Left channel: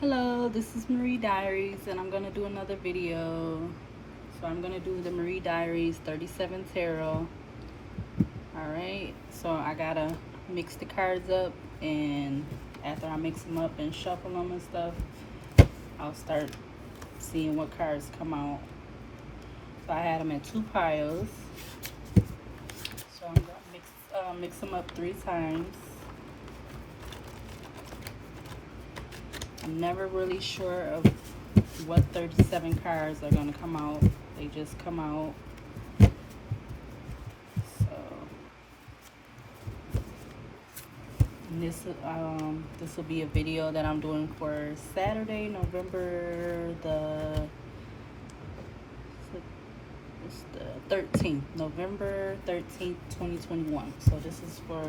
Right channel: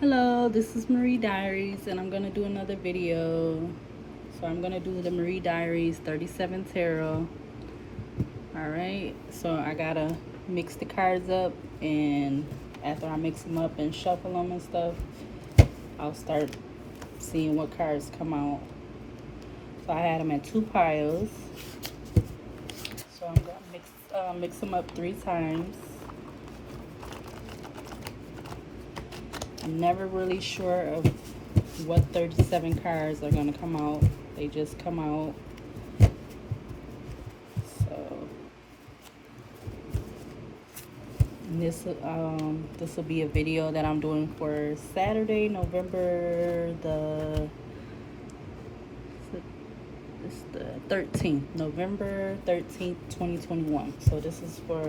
Hello, this is Marie Diaries, and I'm gonna do another video. So I'm gonna do the Marie Diaries 37 tarot. Alright, so I gotta mix the cards up, and after I mix them up and shuffle them and stuff, I'll start seeing what cards come out. So I had them at two piles. So I'm gonna mix them up 3 times. I'm never really sure of what 37 cards are going to come out. They just come out. So this will be a video that I'm doing for Saturday, November the 13th, November 13th, 2021. So this is for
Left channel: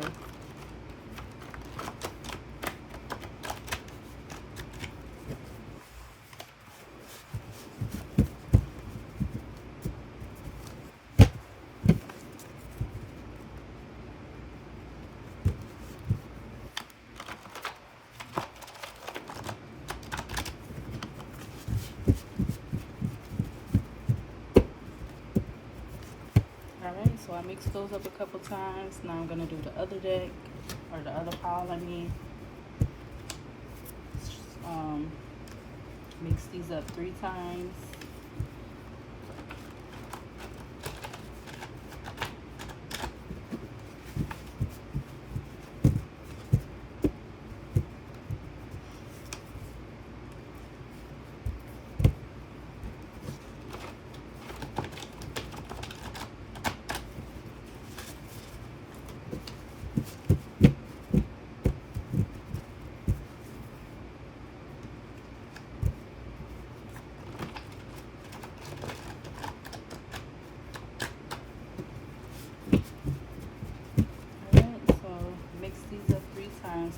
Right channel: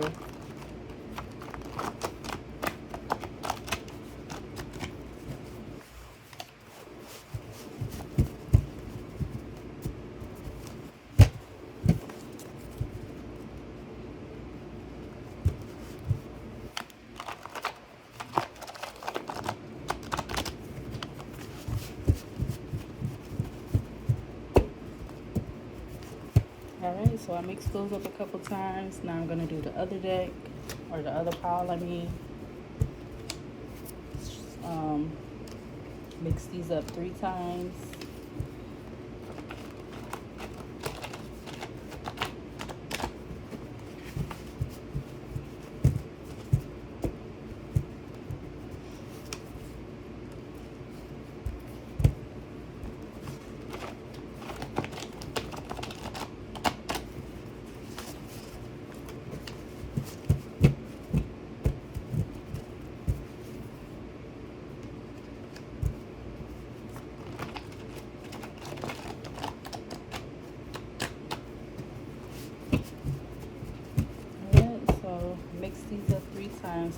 Alright, so I mixed those up a couple times. Now I'm going to do the other deck, or the other pile, I mean. Mix these up 3 times.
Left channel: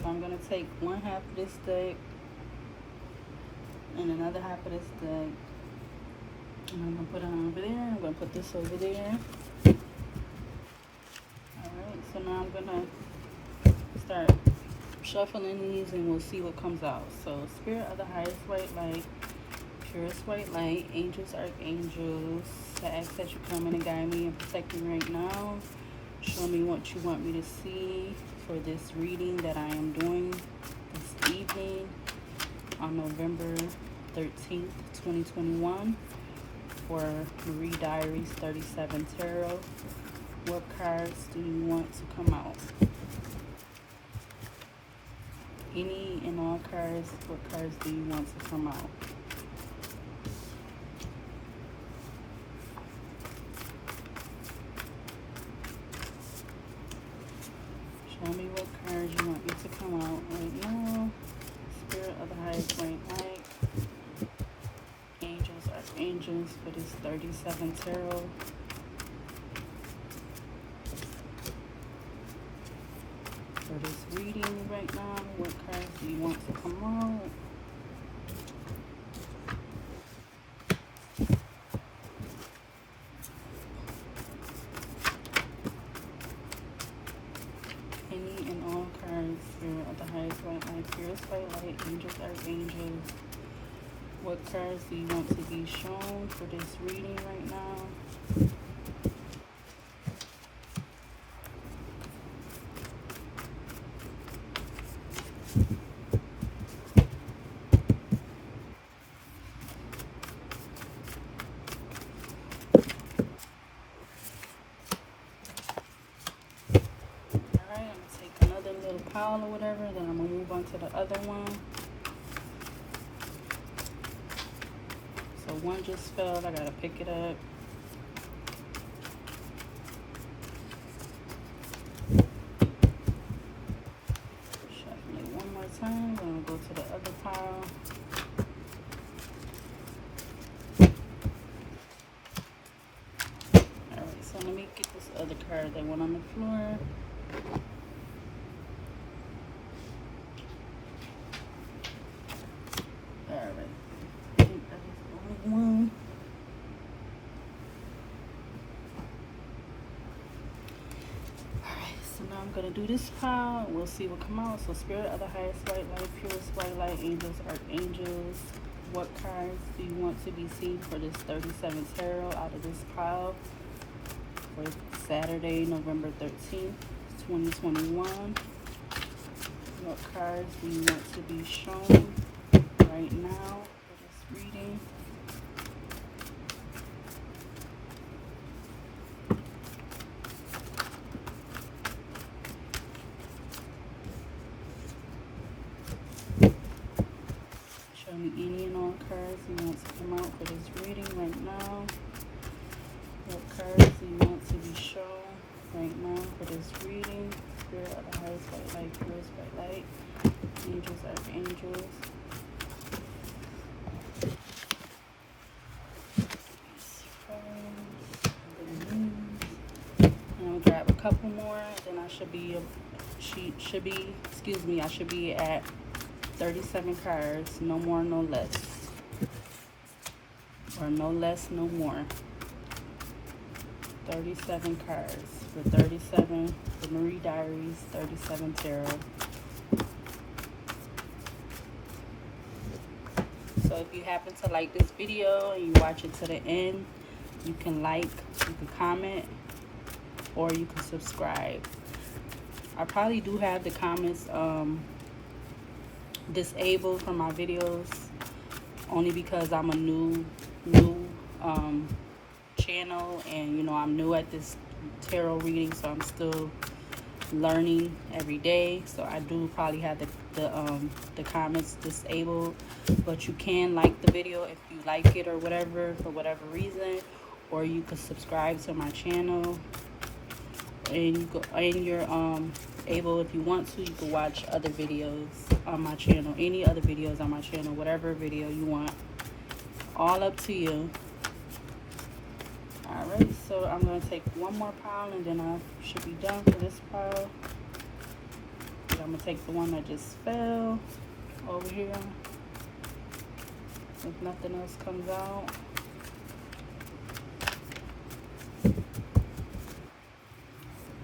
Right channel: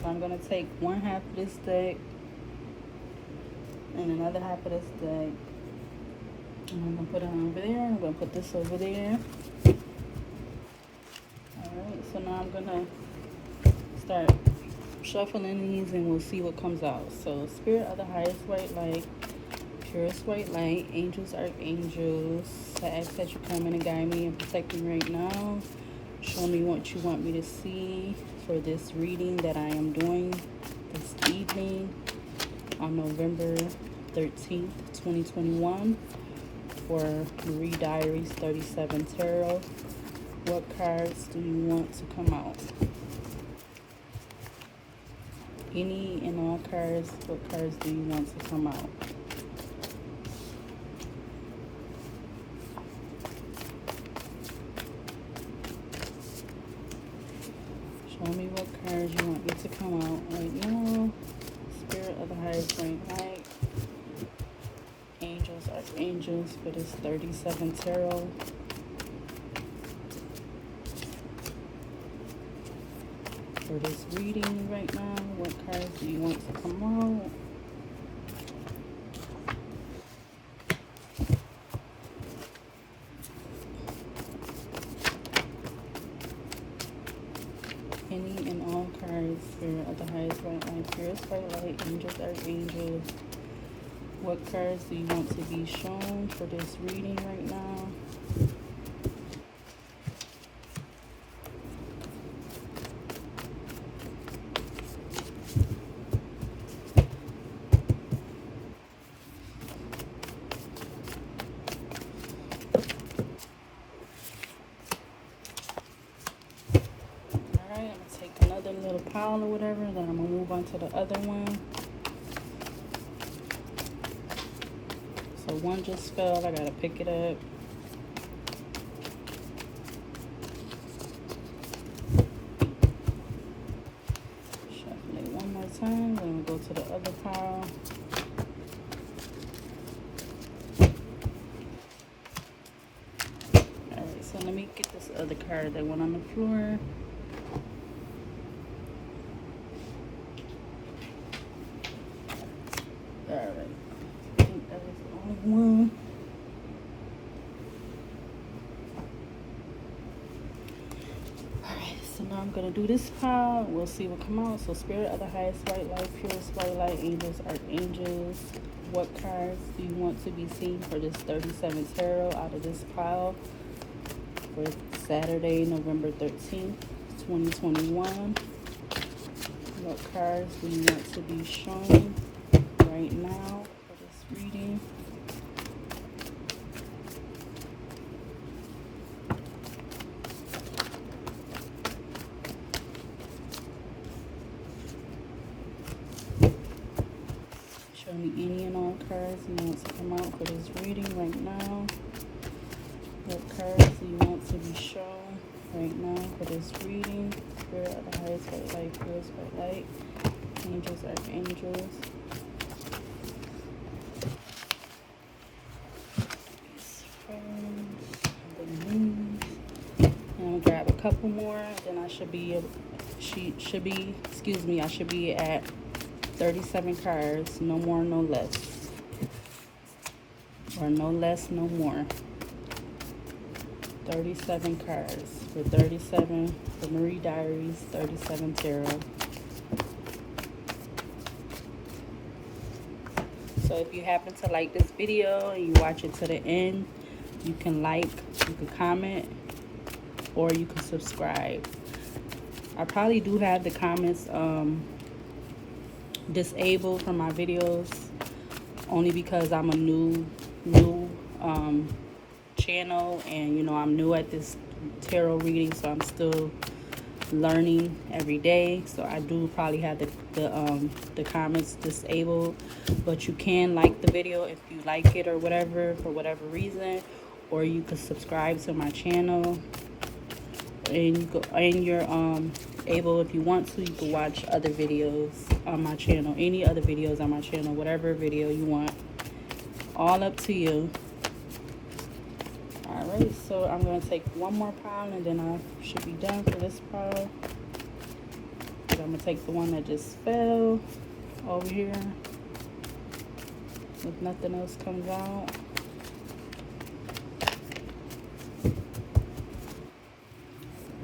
So I'm going to take one half of this deck and another half of this deck, and I'm going to put it over there. I'm going to put this over there. Alright, so now I'm going to start shuffling these and we'll see what comes out. So Spirit of the highest white light, purest white light, angels, archangels, I ask that you come in and guide me and protect me right now. Show me what you want me to see for this reading that I am doing this evening on November 13th, 2021 for Marie Diaries 37 Tarot. What cards do you want to come out? Any and all cards, what cards do you want to come out? Show me what cards you want me to come out right now. Spirit of the highest white light. Angels, archangels for this 37 tarot. For this reading right now, what cards do you want to come out? Any and all cards, Spirit of the highest white light, purest white light, angels, archangels. What cards do you want to be shown for this reading right now? Pile or whatever, then I'm gonna move on to the other one. So one just fell, I gotta pick it up. Shuffle it one more time, then we'll go to the other pile. Alright, so let me get this other card that went on the floor. Alright, I think that was the only one. I'm gonna do this pile. We'll see what come out. So spirit of the highest white light, purest white light, angels, archangels. What cards do you want to be seen for this 37 tarot out of this pile for Saturday, November 13th, 2021? What cards do you want to be shown right now for this reading? Show me any and all cards you want to come out for this reading right now. What cards do you want to be shown right now for this reading? Spirit of the highest white light, purest white light, angels, archangels. I'll grab a couple more, then I should be I should be at 37 cards, no more, no less. Or no less, no more. 37 cards for 37, the Marie Diaries, 37 tarot. So if you happen to like this video and you watch it to the end, you can like, you can comment, or you can subscribe. I probably do have the comments disabled from my videos, only because I'm a new channel, and you know, I'm new at this tarot reading, so I'm still learning every day. So I do probably have the comments disabled, but you can like the video if you like it or whatever, for whatever reason, or you can subscribe to my channel, and you're able, if you want to, you can watch other videos on my channel, any other videos on my channel, whatever video you want, all up to you. Alright, so I'm going to take one more pile and then I should be done for this pile. I'm going to take the one that just fell over here if nothing else comes out.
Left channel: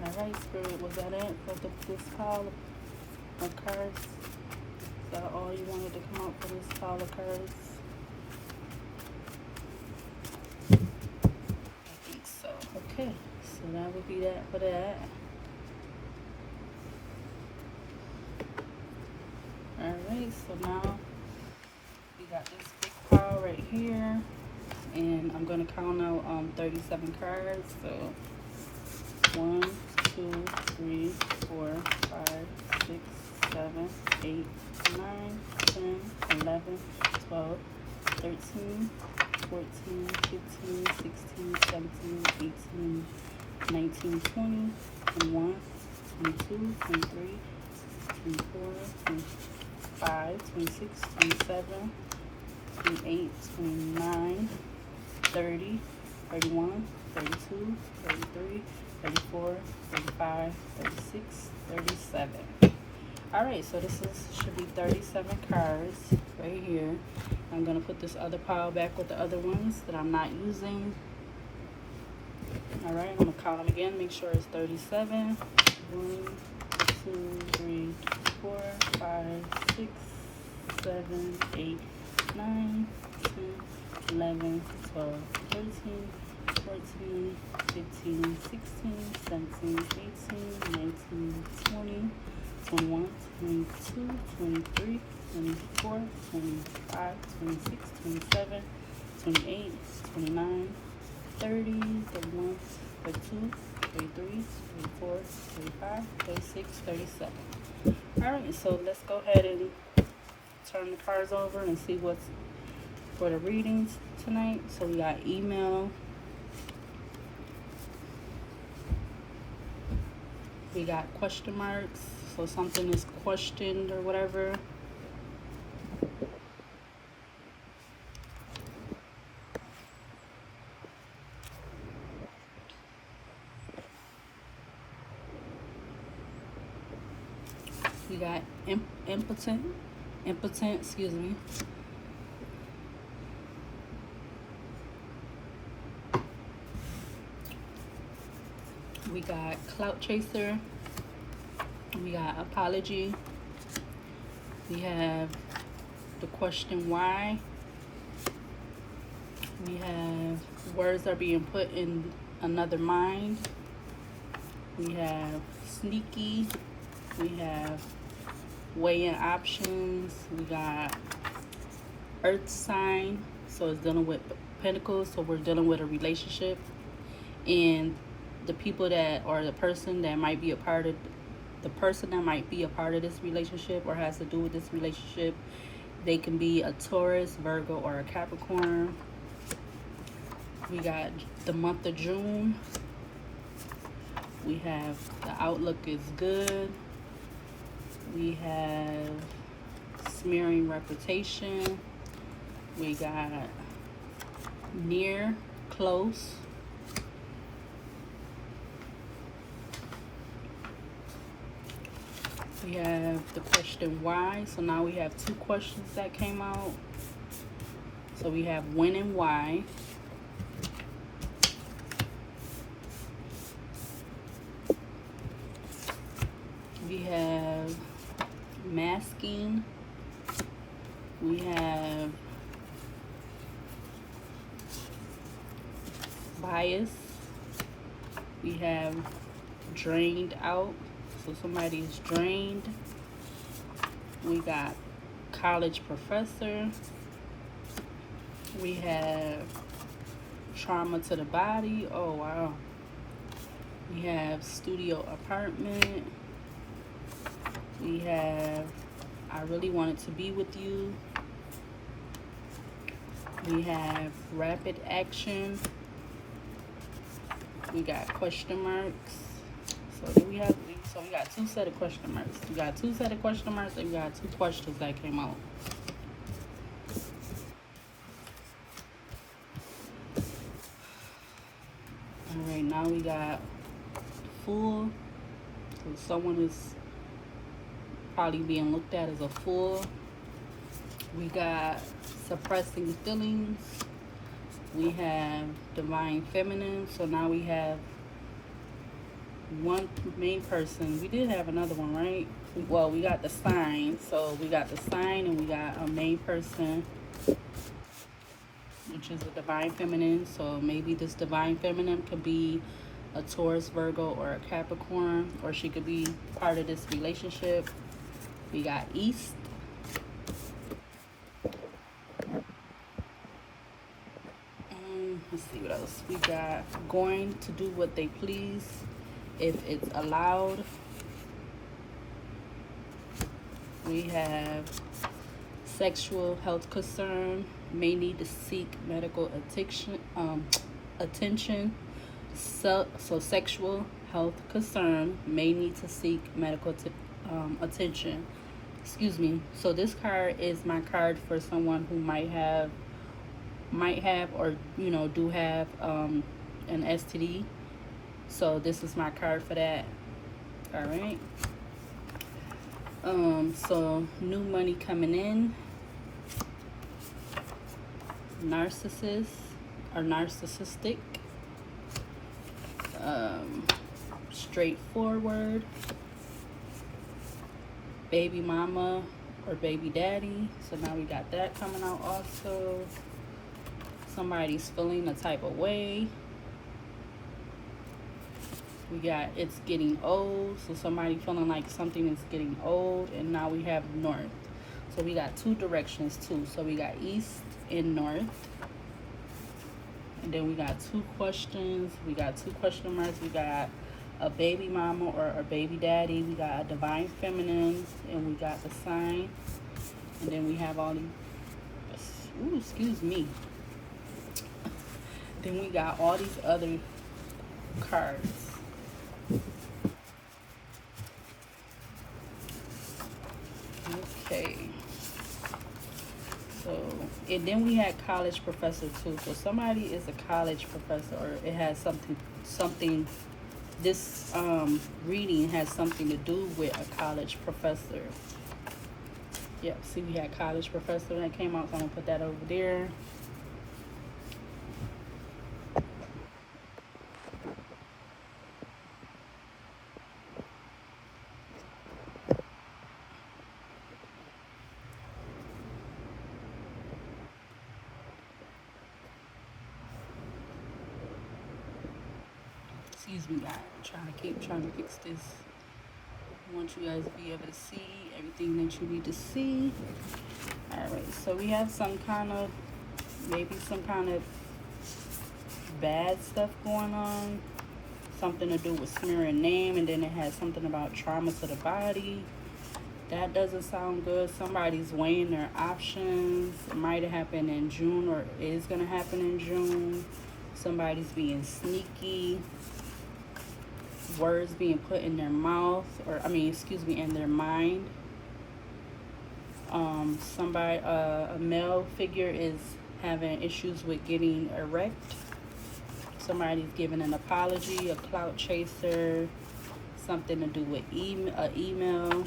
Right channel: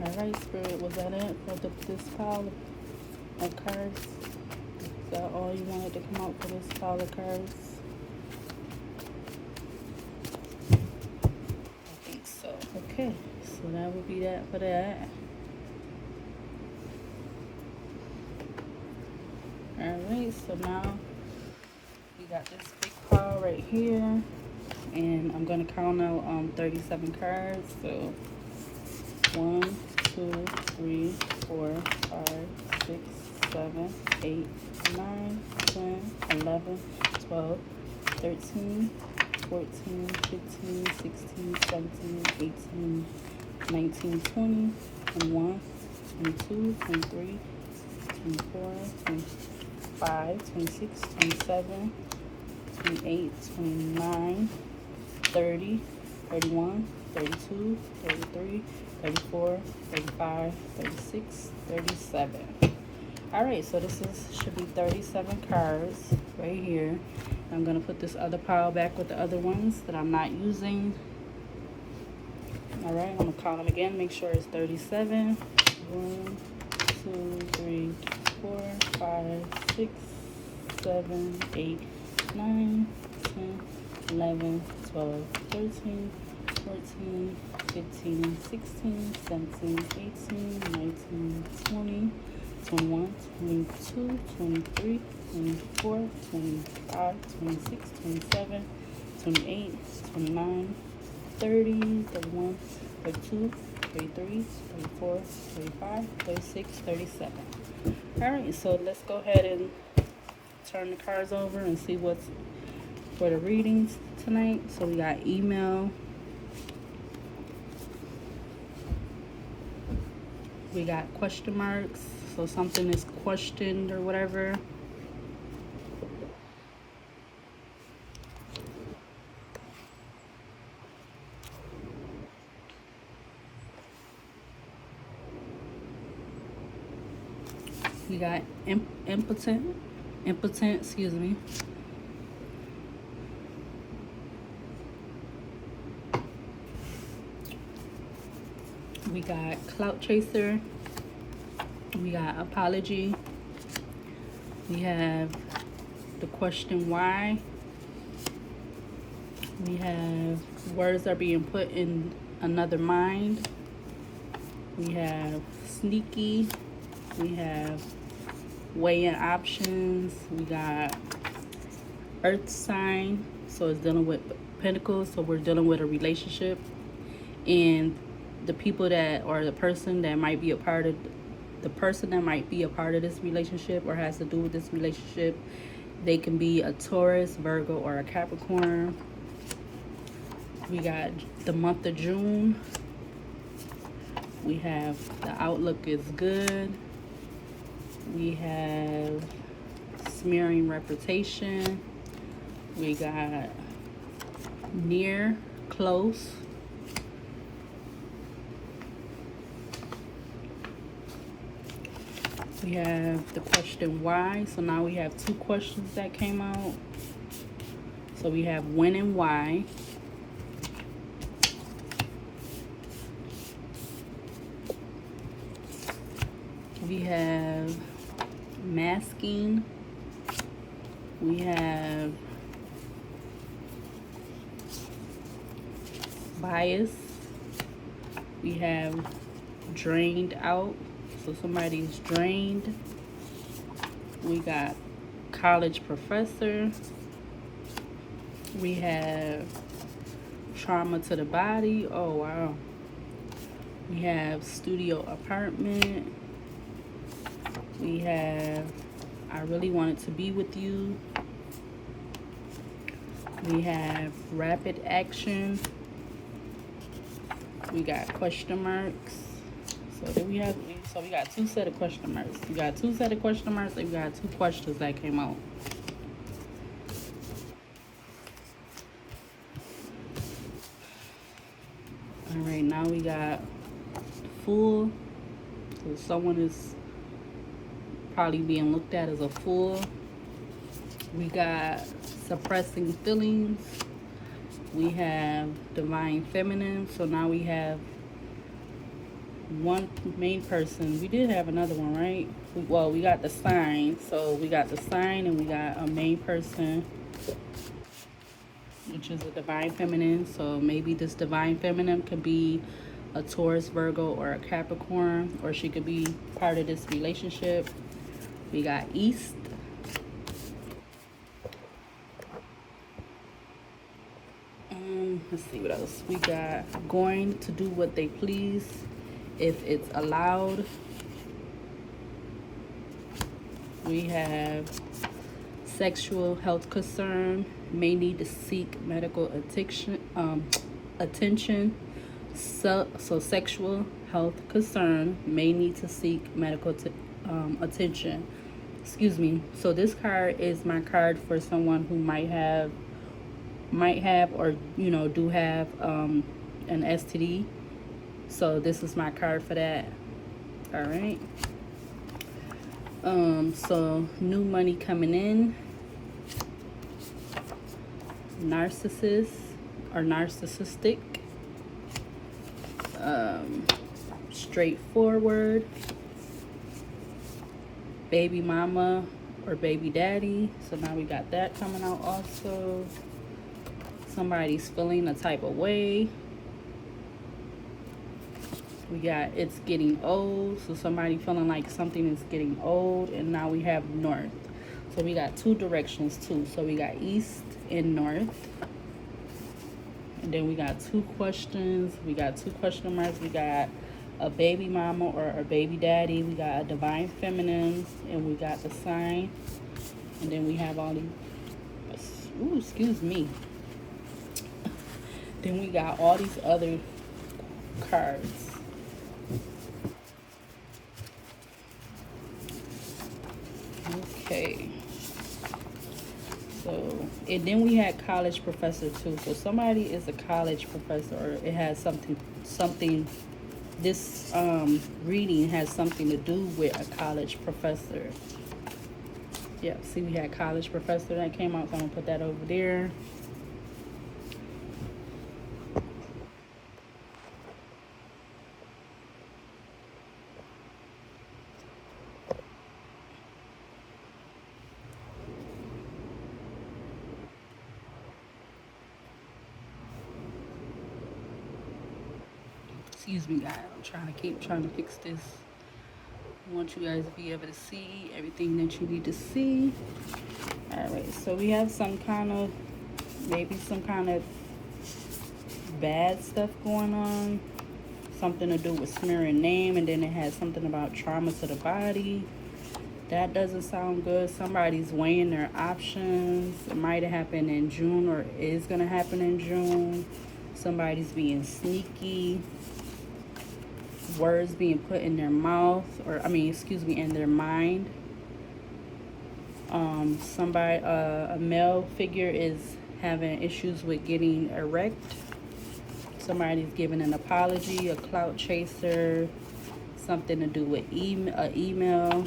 Alright, Spirit, was that it for this pile of cards? Is that all you wanted to come out for this pile of cards? Okay, so that would be that for that. Alright, so now we got this big pile right here, and I'm going to count out 37 cards. So 1, 2, 3, 4, 5, 6, 7, 8, 9, 10, 11, 12, 13, 14, 15, 16, 17, 18, 19, 20, 21, 22, 23, 24, 25, 26, 27, 28, 29, 30, 31, 32, 33, 34, 35, 36, 37. Alright, so this should be 37 cards right here. I'm going to put this other pile back with the other ones that I'm not using. Alright, I'm going to count them again, make sure it's 37. 1, 2, 3, 4, 5, 6, 7, 8, 9, 10, 11, 12, 13, 14, 15, 16, 17, 18, 19, 20, 21, 22, 23, 24, 25, 26, 27, 28, 29, 30, 31, 32, 33, 34, 35, 36, 37. Alright, so let's go ahead and turn the cards over and see what's for the readings tonight. So we got email, we got question marks, so something is questioned or whatever. We got impotent, excuse me. We got clout chaser, We got apology. We have the question why. We have words are being put in another mind. We have sneaky. We have weighing options. We got earth sign, so it's dealing with pentacles, so we're dealing with a relationship, and the people that, or the person that might be a part of this relationship or has to do with this relationship, they can be a Taurus, Virgo, or a Capricorn. We got the month of June. We have the outlook is good. We have smearing reputation. We got near, close. We have the question why. So now we have two questions that came out. So we have when and why. We have masking. We have bias. We have drained out, so somebody's drained. We got college professor. We have trauma to the body. Oh wow. We have studio apartment. We have I really wanted to be with you. We have rapid action. We got question marks. So then we got two set of question marks. We got two set of question marks, and we got two questions that came out. All right, now we got fool. So someone is probably being looked at as a fool. We got suppressing feelings. We have divine feminine. So now we have one main person. We did have another one, right? Well, we got the sign. So we got the sign, and we got a main person, which is a divine feminine. So maybe this divine feminine could be a Taurus, Virgo, or a Capricorn, or she could be part of this relationship. We got east. Let's see what else. We got going to do what they please if it's allowed. We have sexual health concern, may need to seek medical attention. So sexual health concern, may need to seek medical attention. Excuse me. So this card is my card for someone who might have or do have an STD. So this is my card for that. All right. So new money coming in. Narcissist or narcissistic. Straightforward. Baby mama or baby daddy. So now we got that coming out also. Somebody's feeling a type of way. We got it's getting old. So somebody feeling like something is getting old. And now we have north. So we got two directions too. So we got east and north. And then we got two questions. We got two question marks. We got a baby mama or a baby daddy. We got a divine feminine. And we got the sign. And then we have all these, ooh, excuse me. Then we got all these other cards. Okay. So, and then we had college professor too. So somebody is a college professor, or it has something, this reading has something to do with a college professor. Yep, see we had college professor that came out, so I'm gonna put that over there. Excuse me, guys. I'm trying to fix this. I want you guys to be able to see everything that you need to see. Alright, so we have some kind of, maybe some kind of bad stuff going on. Something to do with smearing name, and then it has something about trauma to the body. That doesn't sound good. Somebody's weighing their options. It might have happened in June or is going to happen in June. Somebody's being sneaky. Words being put in their mouth, or in their mind. A male figure is having issues with getting erect. Somebody's giving an apology, a clout chaser, something to do with email.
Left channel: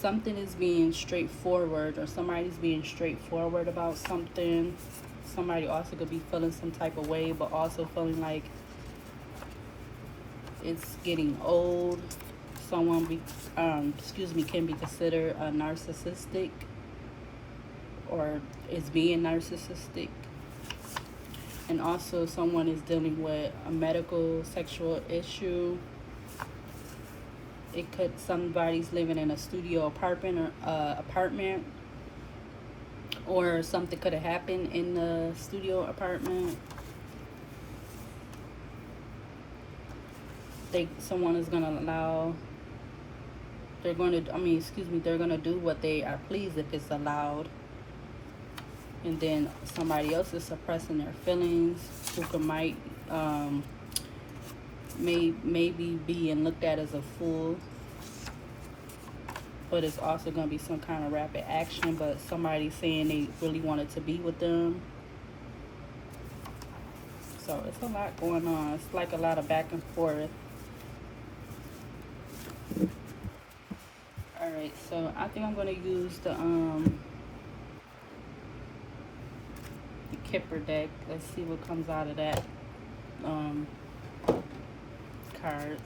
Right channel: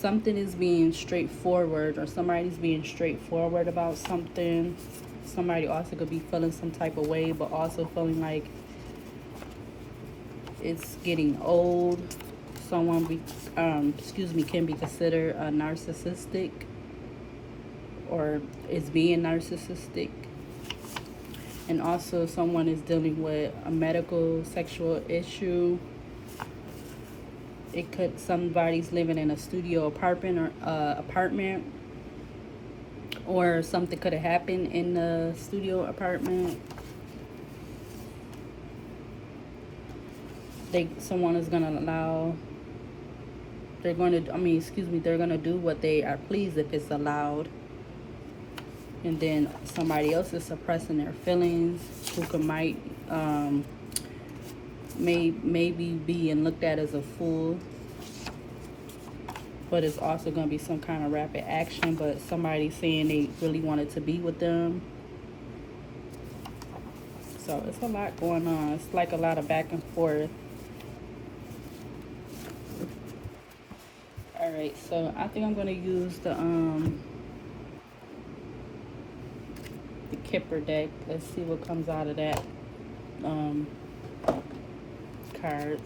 Something is being straightforward, or somebody's being straightforward about something. Somebody also could be feeling some type of way, but also feeling like it's getting old. Someone can be considered a narcissistic, or is being narcissistic. And also someone is dealing with a medical sexual issue. It could, somebody's living in a studio apartment, or something could have happened in the studio apartment. Someone is gonna allow, they're gonna do what they are pleased if it's allowed. And then somebody else is suppressing their feelings, who maybe being looked at as a fool. But it's also going to be some kind of rapid action, but somebody saying they really wanted to be with them. So it's a lot going on. It's like a lot of back and forth. Alright, so I think I'm going to use the Kipper deck. Let's see what comes out of that cards.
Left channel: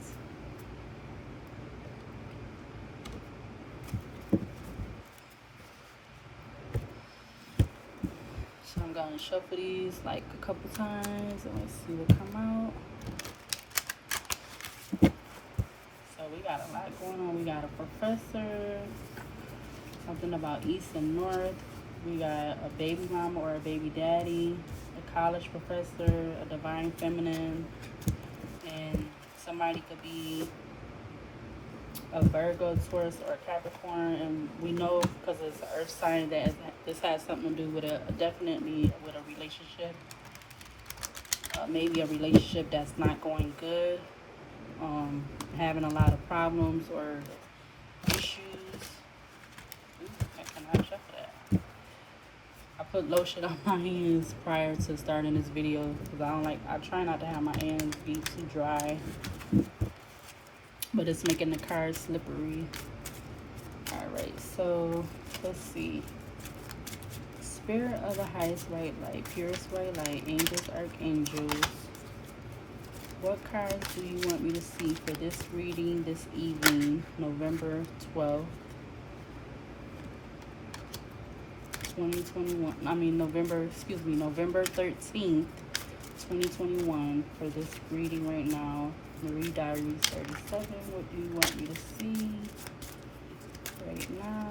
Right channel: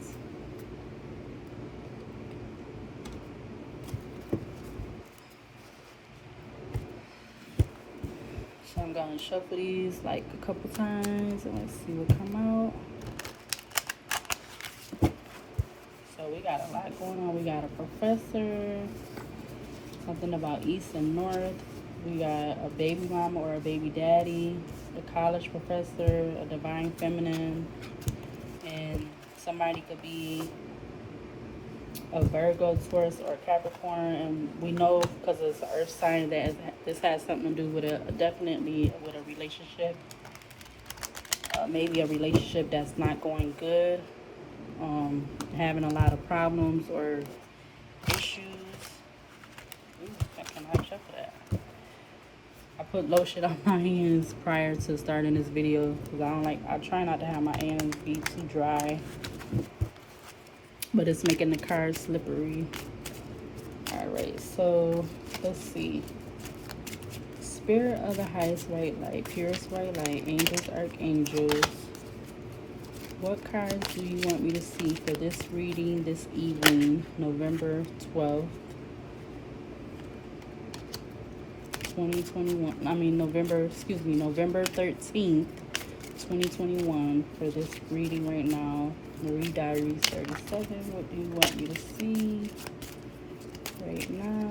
So I'm going to shuffle these like a couple times and let's see what come out. So we got a lot going on. We got a professor, something about east and north. We got a baby mama or a baby daddy, the college professor, a divine feminine, and somebody could be a Virgo, Taurus, or Capricorn. And we know, because it's an earth sign, that this has something to do with definitely with a relationship. Maybe a relationship that's not going good, having a lot of problems or issues. I put lotion on my hands prior to starting this video because I try not to have my hands be too dry, but it's making the card slippery. Alright, so let's see. Spirit of the highest white light, purest white light, angels, archangels. What cards do you want me to see for this reading this evening, November 12th? 2021, November 13th, 2021, for this reading right now. Diaries 37. What do you want me to see right now?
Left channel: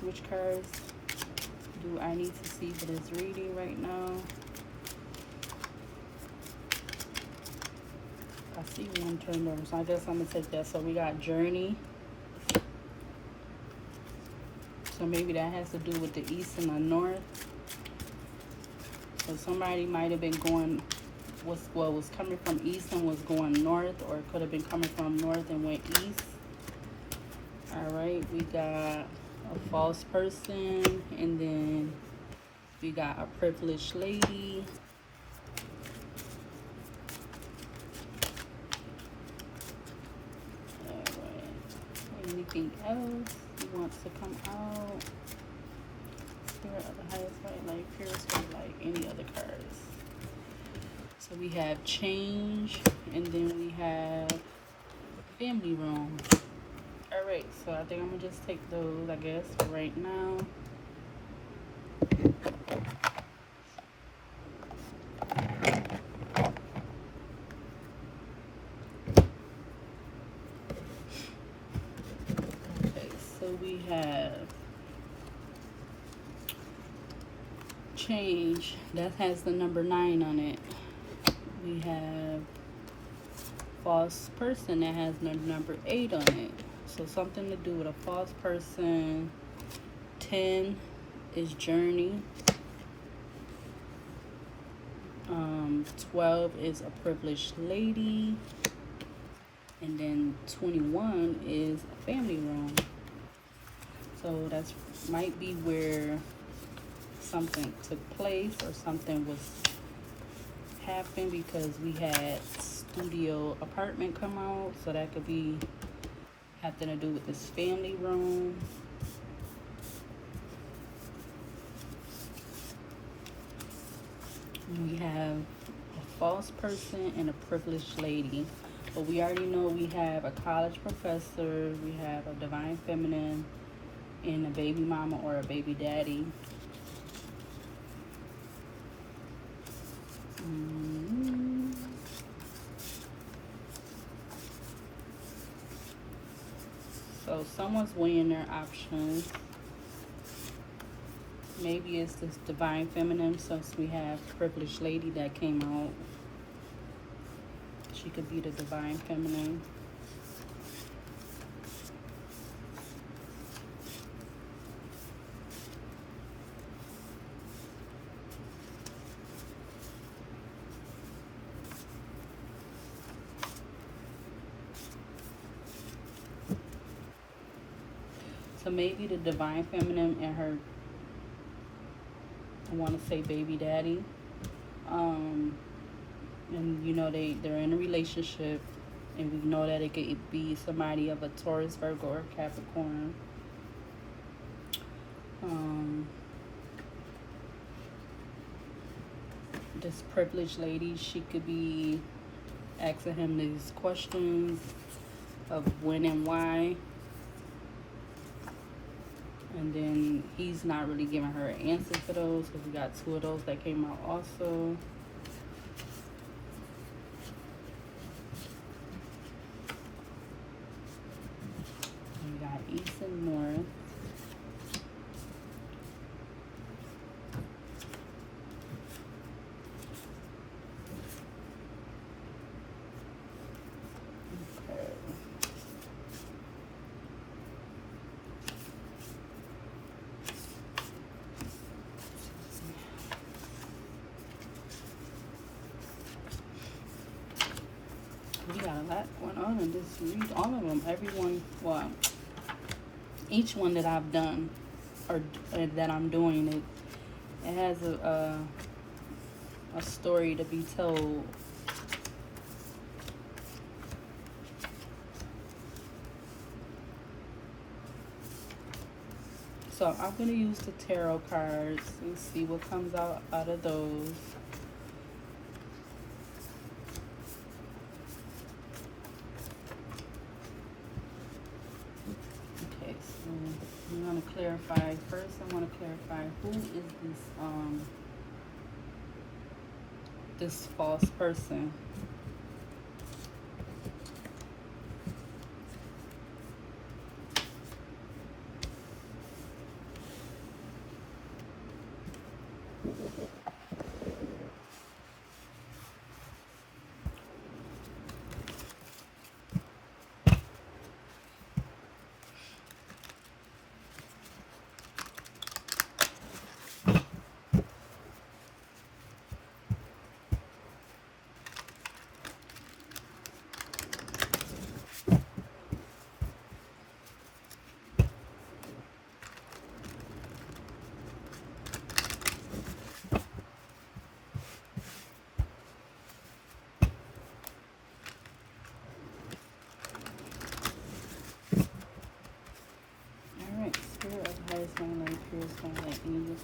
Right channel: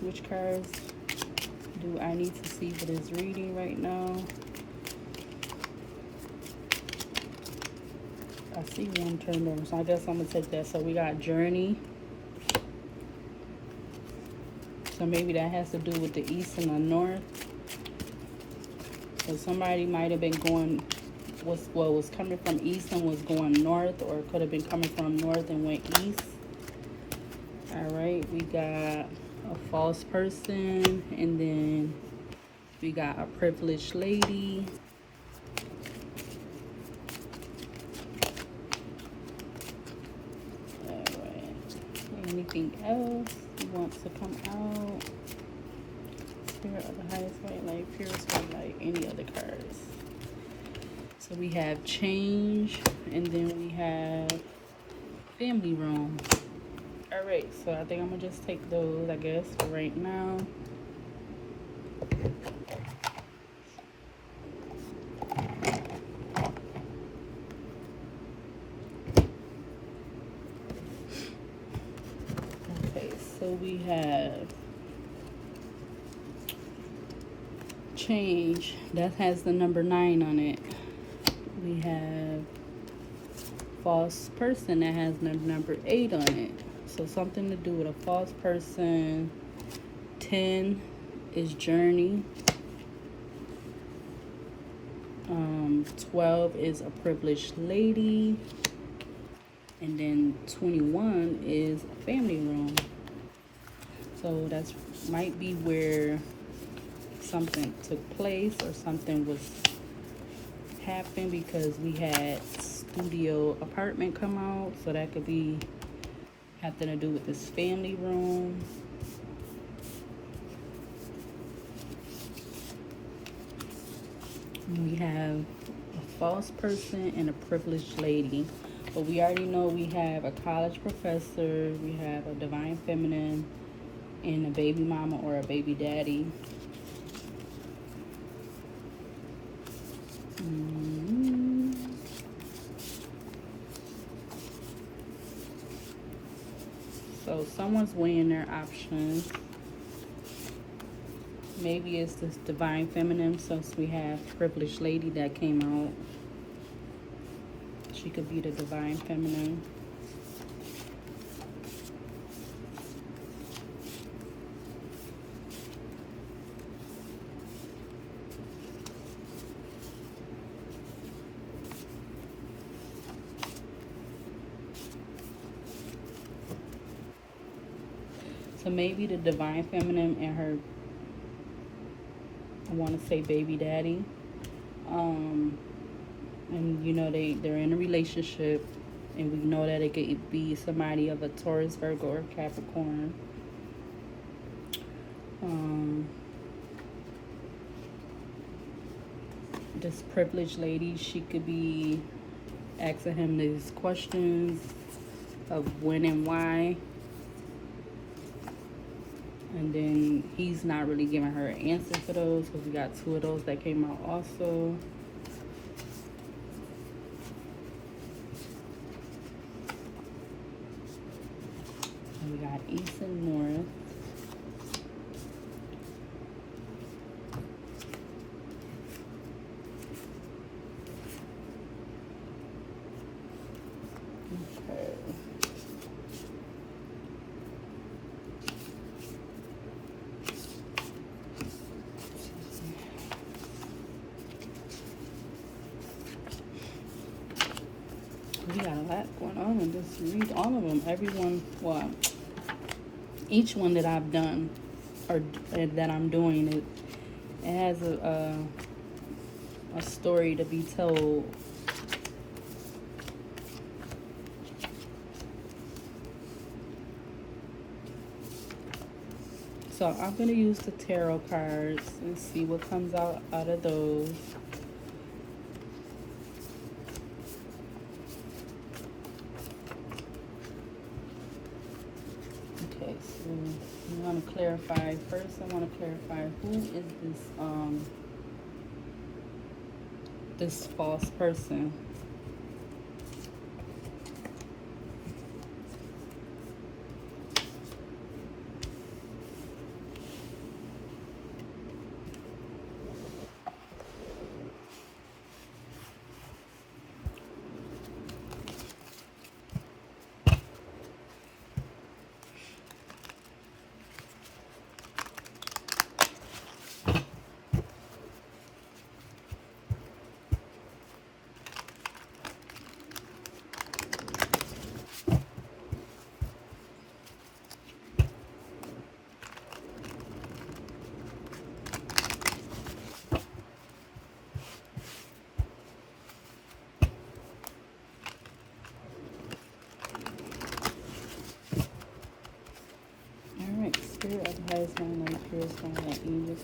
Which cards do I need to see for this reading right now? I see one turned over, so I guess I'm gonna take that. So we got Journey. So maybe that has to do with the east and the north. So somebody might have been going, was coming from east and was going north, or could have been coming from north and went east. Alright, we got a false person, and then we got a privileged lady. Anything else he wants to come out? Spirit of the highest white light, purest white light, any other cards? So we have change, and then we have family room. Alright, so I think I'm gonna just take those, I guess, for right now. So we have change. That has the number 9 on it. We have false person. That has the number 8 on it. So something to do with a false person. 10 is journey. 12 is a privileged lady. And then 21 is family room. So that's might be where something took place or something was happened, because we had studio apartment come out. So that could be having to do with this family room. We have a false person and a privileged lady. But we already know we have a college professor, we have a divine feminine, and a baby mama or a baby daddy. So someone's weighing their options. Maybe it's this divine feminine, since we have privileged lady that came out. She could be the divine feminine. So maybe the divine feminine and her, I want to say baby daddy, and you know they're in a relationship, and we know that it could be somebody of a Taurus, Virgo, or Capricorn. This privileged lady, she could be asking him these questions of when and why, and then he's not really giving her an answer for those. So we got 2 of those that came out also. And we got east and north. We got a lot going on, and just read all of them. Everyone, well, each one that I've done or that I'm doing, it has a story to be told. So I'm going to use the tarot cards and see what comes out of those. Okay, so I'm going to clarify. First, I want to clarify who is this false person. Husband, my peers, my angels,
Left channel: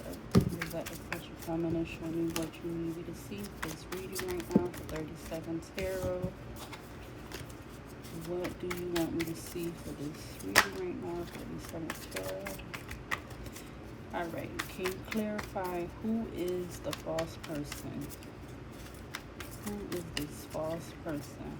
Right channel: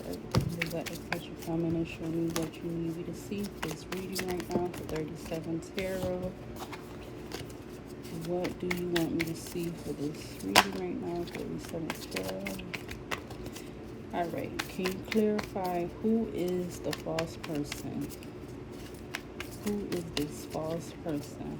let the pressure come in and show me what you need me to see for this reading right now for 37 tarot. What do you want me to see for this reading right now for 37 tarot? Alright, can you clarify who is the false person? Who is this false person?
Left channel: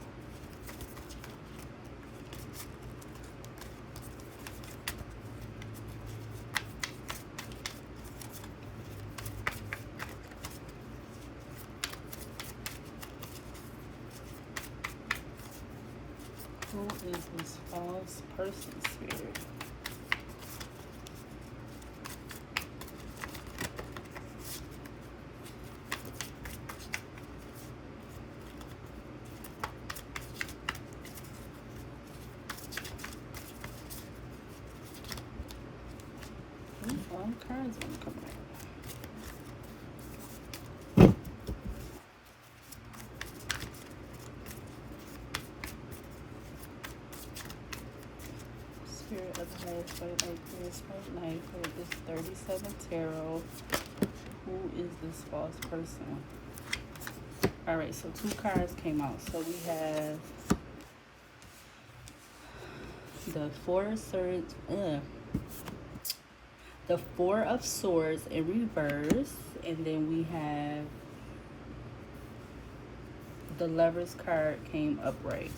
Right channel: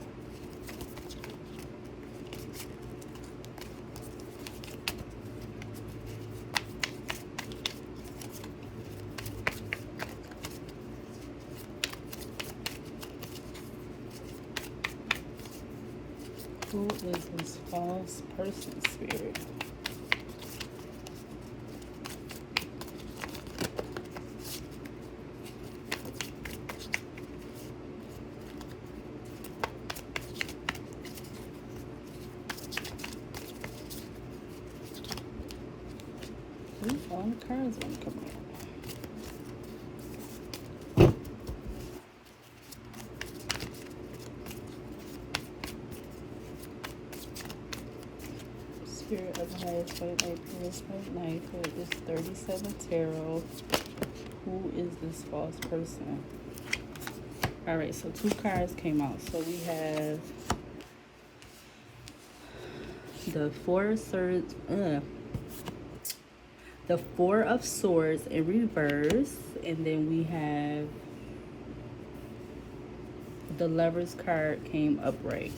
Who is this false person, Spirit? All the cards want to come out. Spirit of the highest right light, fullest white light, who is 37 tarot. Who is this false person? Alright, so 2 cards came out. So we have the the Four of Swords in reverse, and then we have the Lover's card came upright.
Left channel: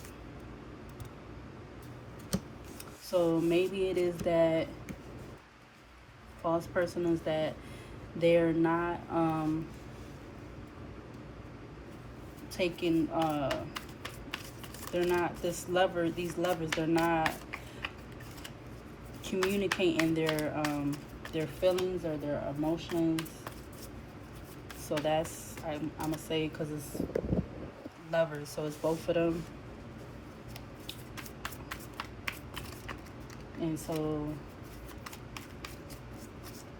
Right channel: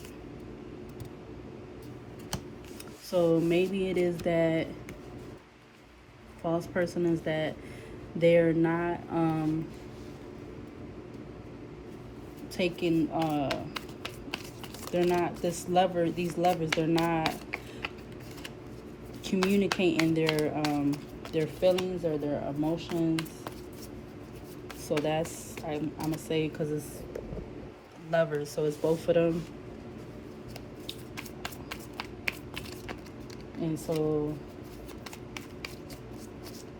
So maybe it is that false person is that they're not taking they're not these lovers, they're not communicating their feelings or their emotions. So that's I'm gonna say, because it's lovers, so it's both of them. And so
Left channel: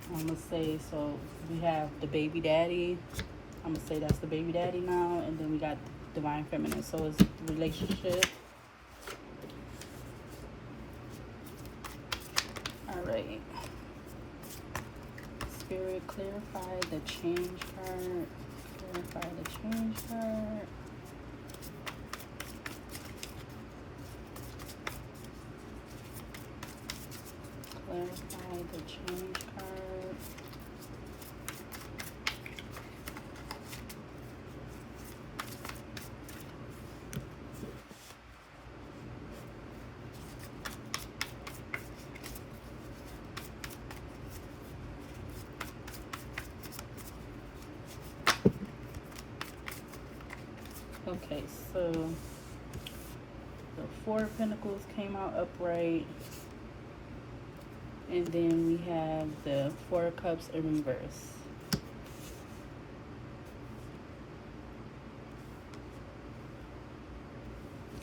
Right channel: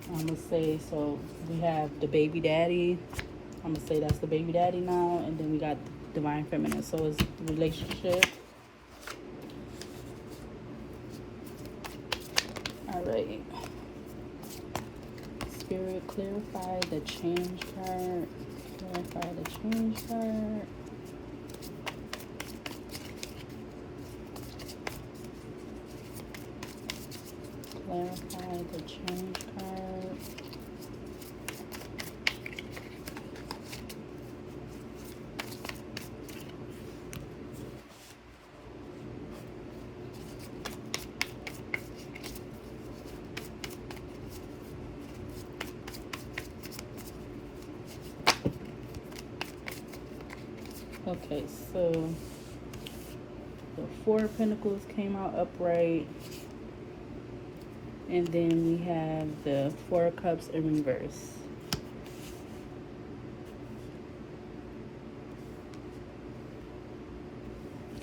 I'm gonna say, so we have the baby daddy. I'm gonna say that's the baby daddy now, and then we got divine feminine, so it's the relationship. All right, Spirit, clarify the change card. Clarify the change card. Clarify the change card. Okay, so the Four of Pentacles came out upright. And then we have the Four of Cups in reverse.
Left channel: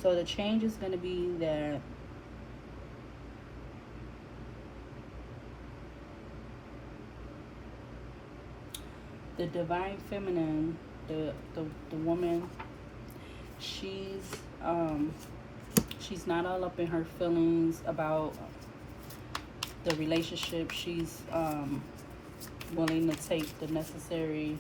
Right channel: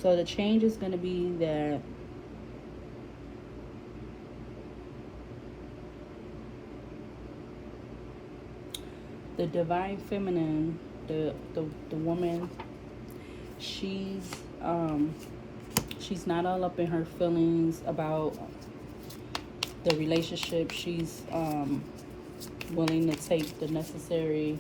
So the change is going to be that the divine feminine, the woman, she's not all up in her feelings about the relationship. She's willing to take the necessary.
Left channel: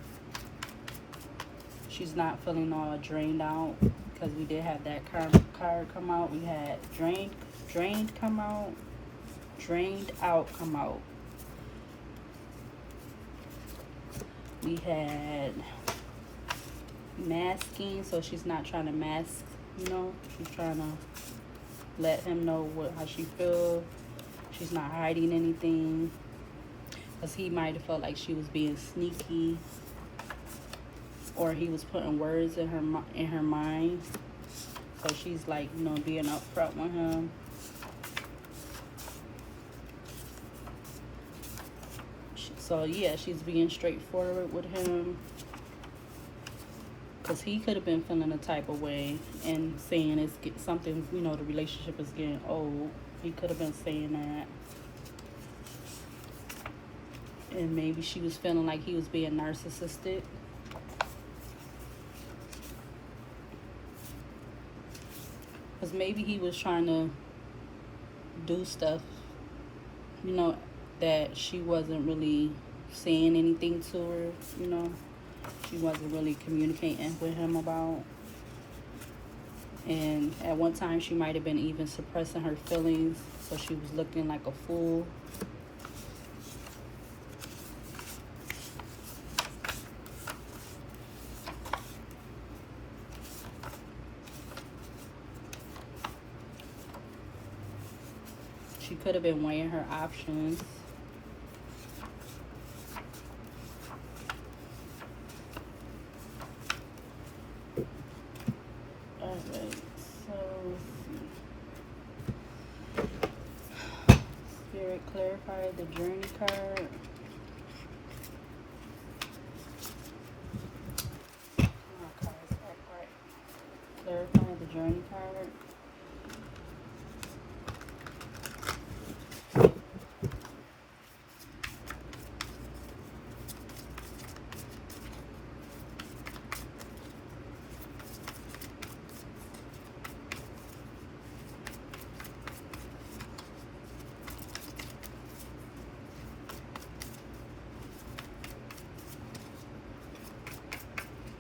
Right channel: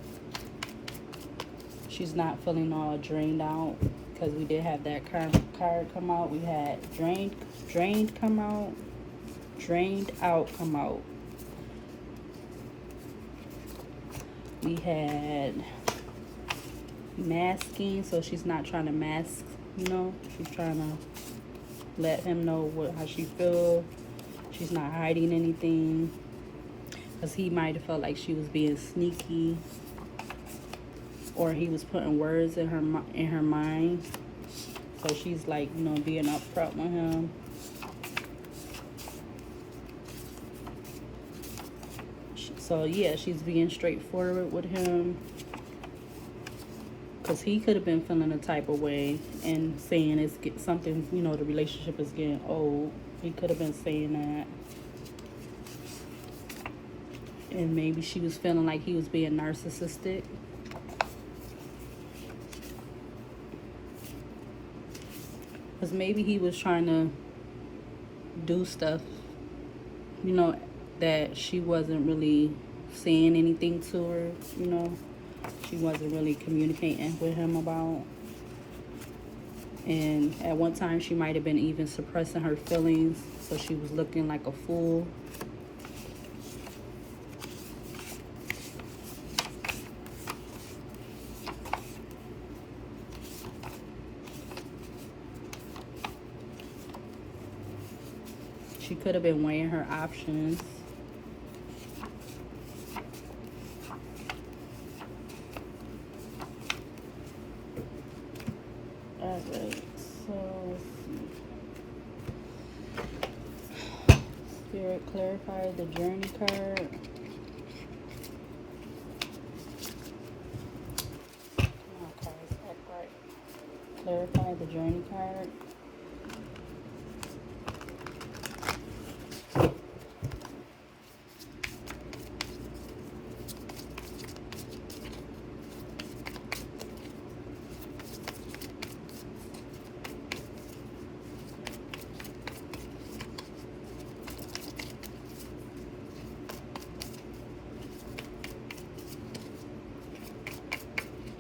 She's not feeling all drained out, because we did have that card come out. We had drained come out, drained out come out. We had masking, so she's not trying to mask, you know, she's trying to let him know how she feels. She's not hiding anything, because he might have felt like she was being sneaky, or he was putting words in her mind. So she's like, you know, being upfront with him. So yeah, she's being straightforward with him, because he could have been feeling a type of way and saying it's something, you know, the relationship is getting old. He could have been saying that. And maybe she was feeling like he was being narcissistic. Because maybe he was trying to do stuff, you know, that she wasn't really saying anything to her, you know. She wasn't really communicating with him about. And at one time she might have been even suppressing her feelings, so she was looking like a fool. She could have been weighing her options. Alright, so let's see. Spirit, clarify the journey card. Clarify the journey card.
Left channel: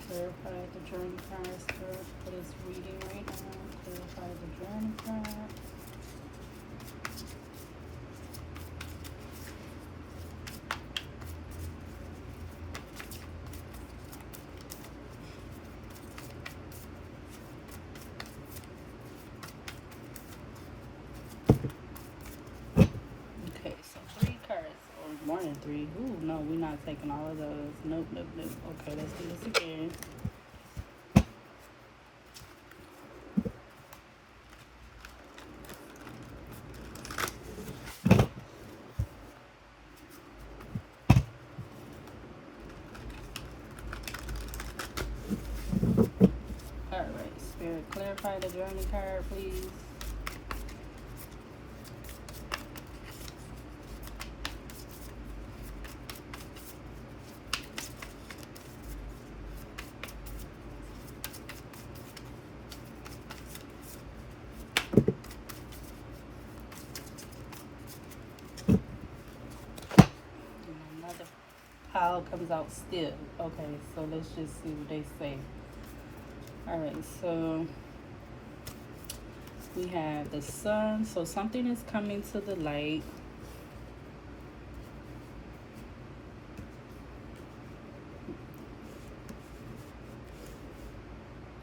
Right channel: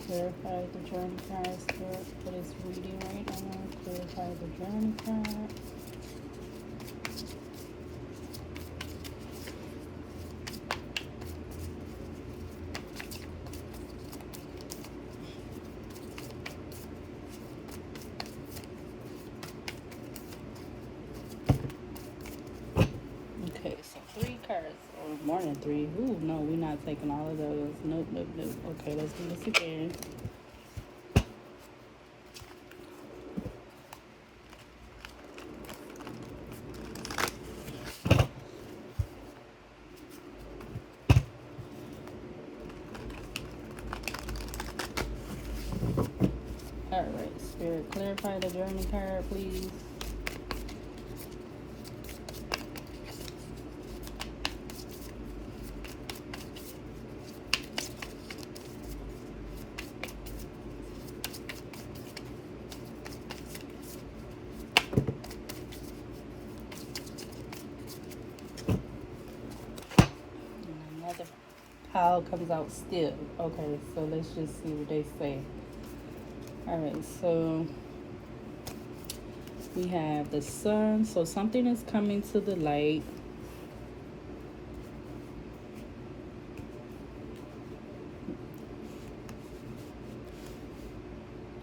Clarify the journey card, Spirit, for this reading right now. Clarify the journey card. Okay, so 3 cards. Or more than 3. Ooh, no, we're not taking all of those. Nope, nope, nope. Okay, let's do this again. Alright, Spirit, clarify the journey card, please. Another pile comes out still. Okay, so let's just see what they say. Alright, so we have the sun. So something is coming to the light.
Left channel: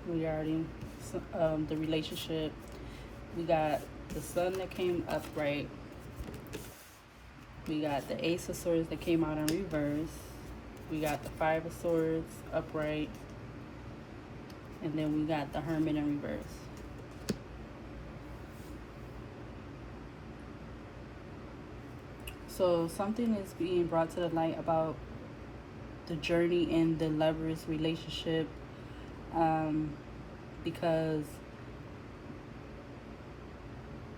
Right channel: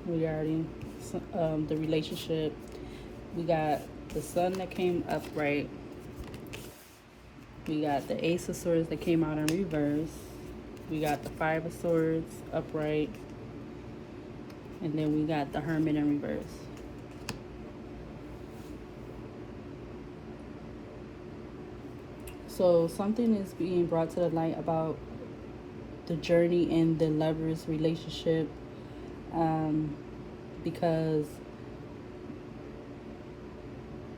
We already, the relationship. We got the sun that came upright. We got the Ace of Swords that came out in reverse. We got the 5 of Swords upright. And then we got the Hermit in reverse. So something is being brought to the light about the journey in the lover's relationship, because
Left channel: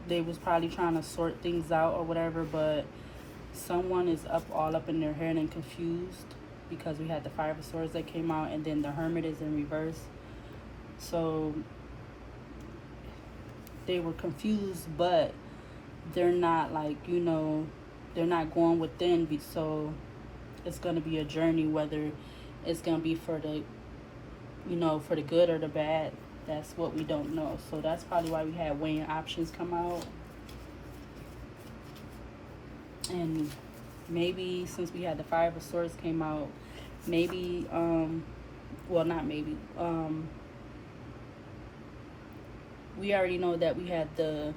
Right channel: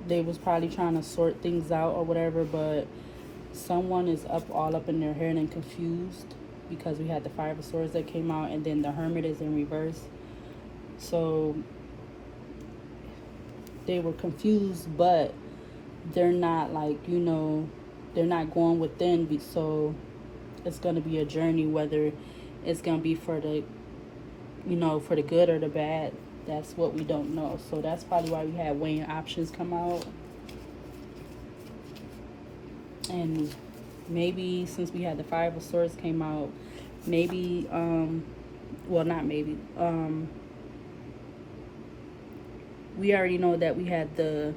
they was probably trying to sort things out or whatever, but someone is all up in their head and confused, because we had the 5 of Swords that came out, and then the Hermit is in reverse. So they were confused, but they're not, like, you know, they're not going within. So it's going to be a journey, whether it's going to be for the, you know, for the good or the bad. That's what we don't know. So that's probably why we had weighing options come out. And maybe since we had the 5 of Swords came out, maybe, well, not maybe, we already know that we had the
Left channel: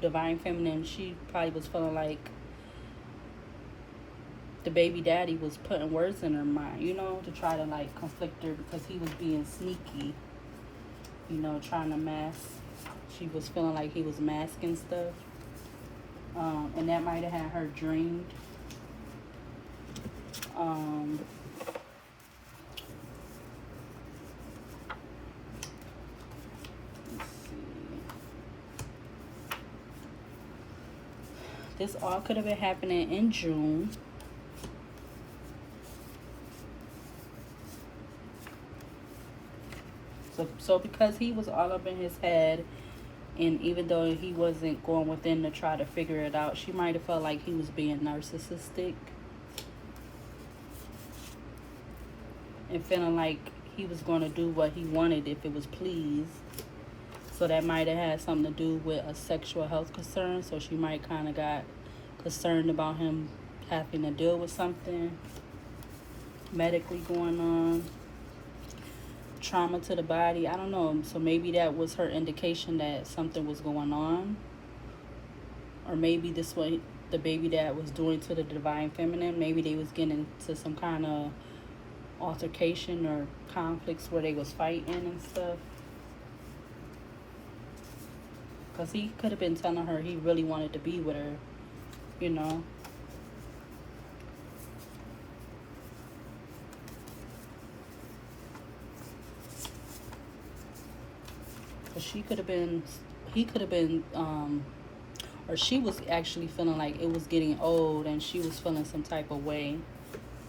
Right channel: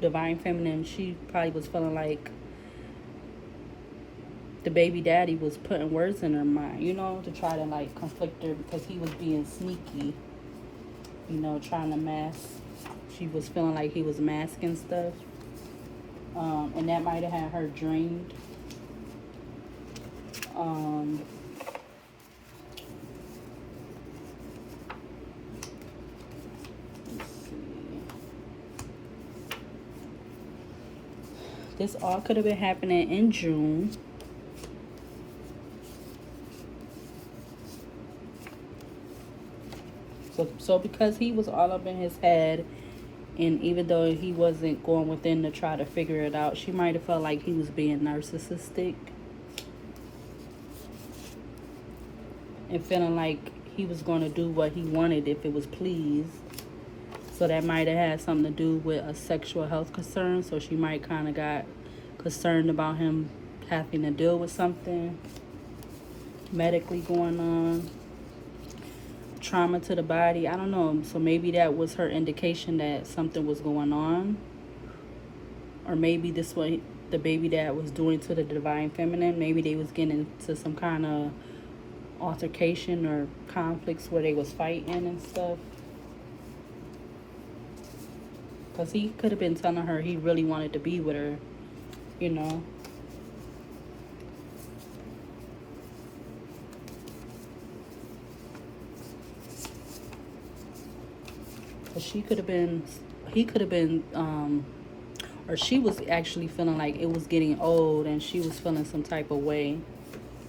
Divine Feminine. She probably was feeling like the baby daddy was putting words in her mind, you know, to try to, like, conflict her, because he was being sneaky, you know, trying to mask. She was feeling like he was masking stuff. And that might have had her drained. This all could have been happening in June. So because he was all up in his head, and even though he wasn't going within to try to figure it out, she might have felt like he was being narcissistic and feeling like he was going to do what he wanted if it was pleased. So that might have had something to do with a sexual health concern. So she might kind of got concerned about him having to deal with something medically going on. Trauma to the body, I don't know. So maybe that was her indication that something was going on. Or maybe this what the baby dad was doing to the Divine Feminine. Maybe they was getting into some kind of altercation or conflicts where they was fighting and stuff. Because he could have been telling her he really wanted to be with her, you know. She could have been, he could have been, or she was actually feeling like it was getting old and she was feeling some type of way.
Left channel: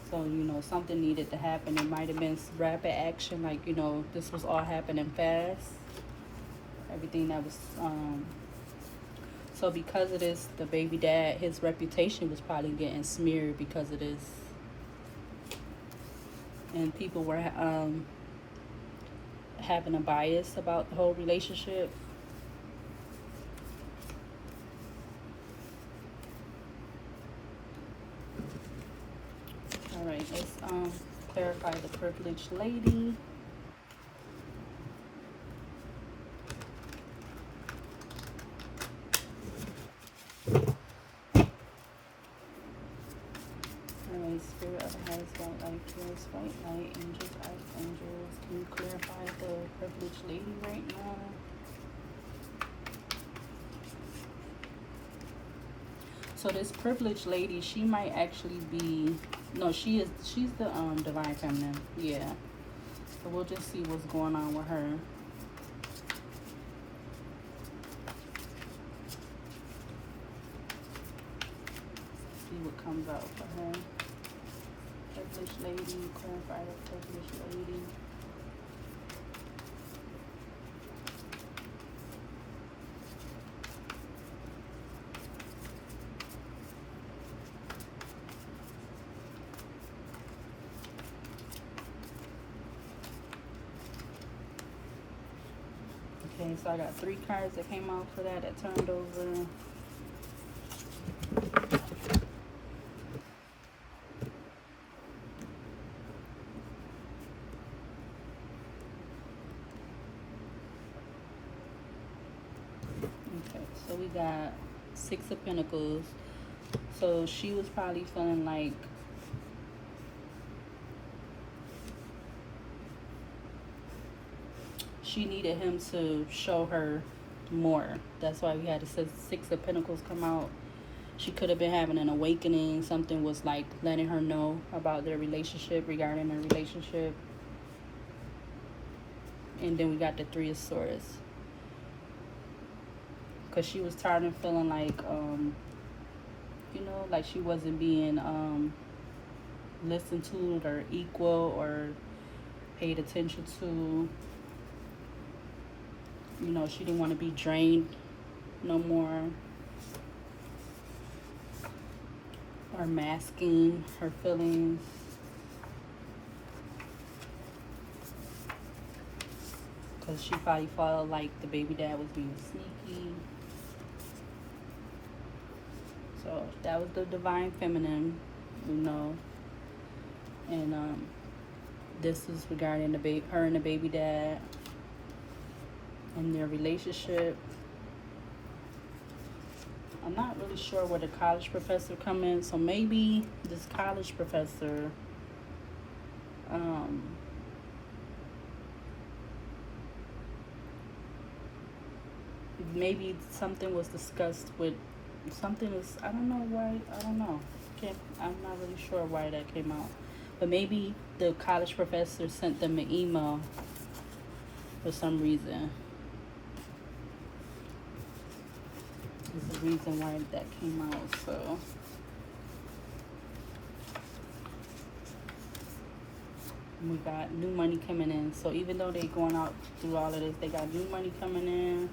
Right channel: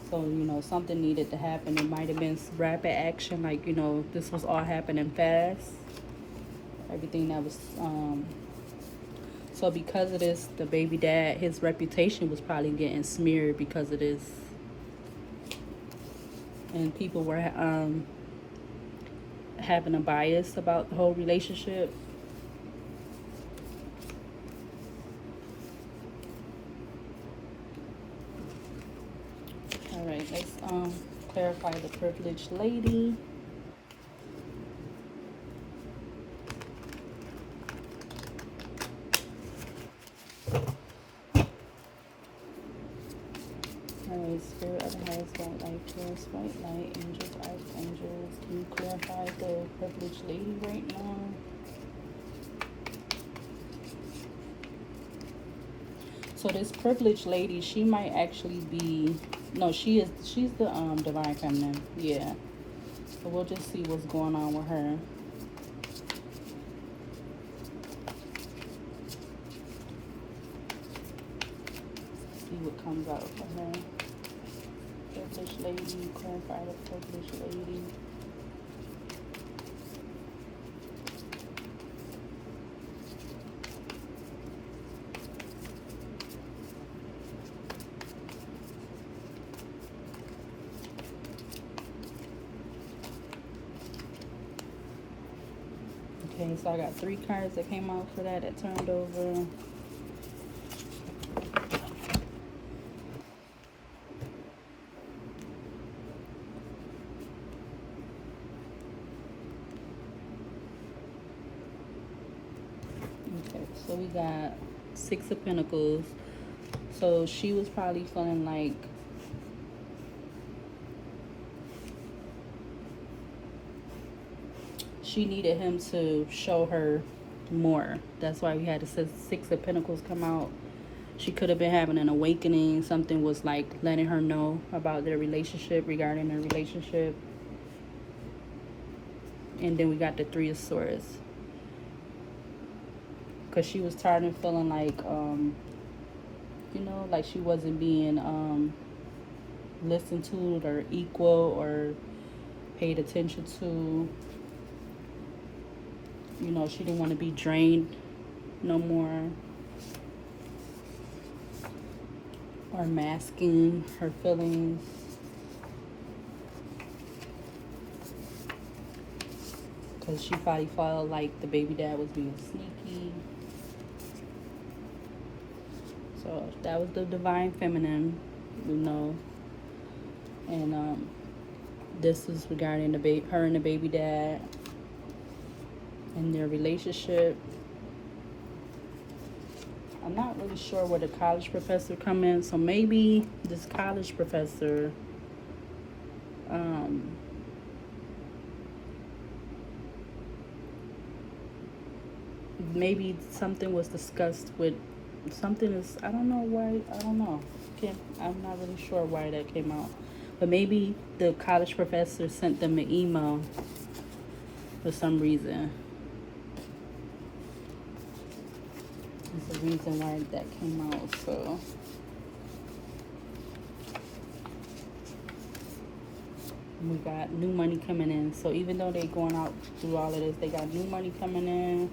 So, something needed to happen. It might have been rapid action, like, this was all happening fast. Everything that was, so because of this, the baby dad, his reputation was probably getting smeared because of this. And people were having a bias about the whole relationship. All right, let's clarify the privileged lady. Spirit of the husband, light, first, light, angels, archangels. Can you clarify the privileged lady right now? So this privileged lady, she might actually be, no, she's the divine feminine. Yeah. So we'll just see what's going on with her. See what comes out for her. Privileged lady, clarify the privileged lady. Okay, so I got 3 cards that came out for that turned over. Okay, so we got 6 of Pentacles. So she was probably feeling like she needed him to show her more. That's why we had the 6 of Pentacles come out. She could have been having an awakening. Something was like letting her know about their relationship, regarding their relationship. And then we got the 3 of Swords. Because she was tired of feeling like, like she wasn't being listened to or equal or paid attention to. She didn't want to be drained no more. Or masking her feelings. Because she probably felt like the baby dad was being sneaky. So that was the divine feminine, And this is regarding her and the baby dad and their relationship. I'm not really sure where the college professor come in, so maybe this college professor maybe something was discussed with something is, I don't know why, I don't know. I'm not really sure why that came out. But maybe the college professor sent them an email for some reason. There's a reason why that came out, so. We got new money coming in. So even though they're going out through all of this, they got new money coming in.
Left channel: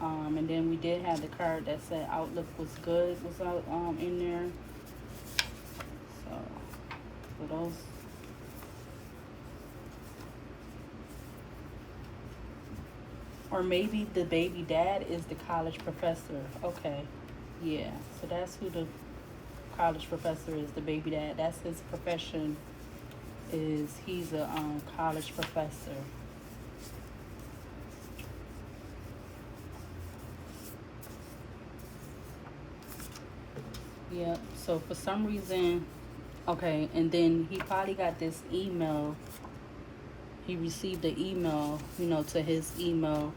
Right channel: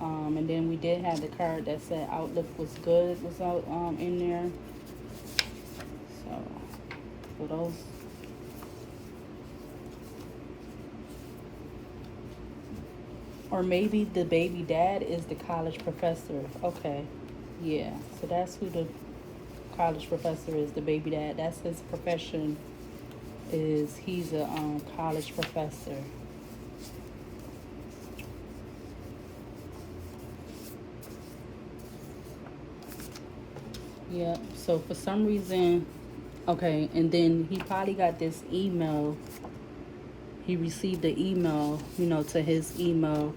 And then we did have the card that said outlook was good was out in there. So for those, or maybe the baby dad is the college professor. Okay, yeah. So that's who the college professor is. The baby dad. That's his profession. He's a college professor. Yeah, so for some reason, okay, and then he probably got this email. He received the email, to his email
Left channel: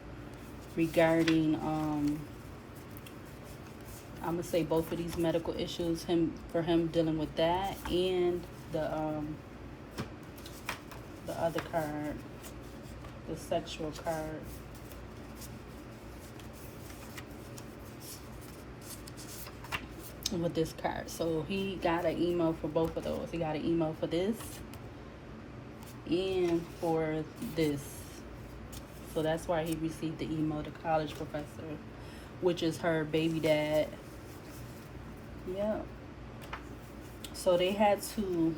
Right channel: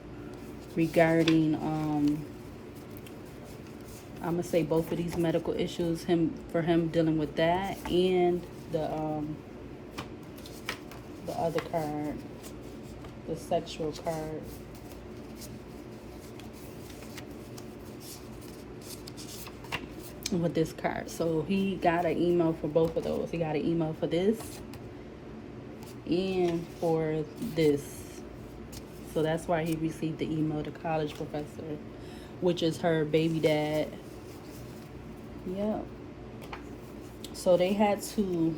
regarding, I'm gonna say both of these medical issues, for him dealing with that, and the other card, the sexual card. With this card. So he got an email for both of those. He got an email for this and for this. So that's why he received the email, the college professor, which is her baby dad. Yeah. So they had to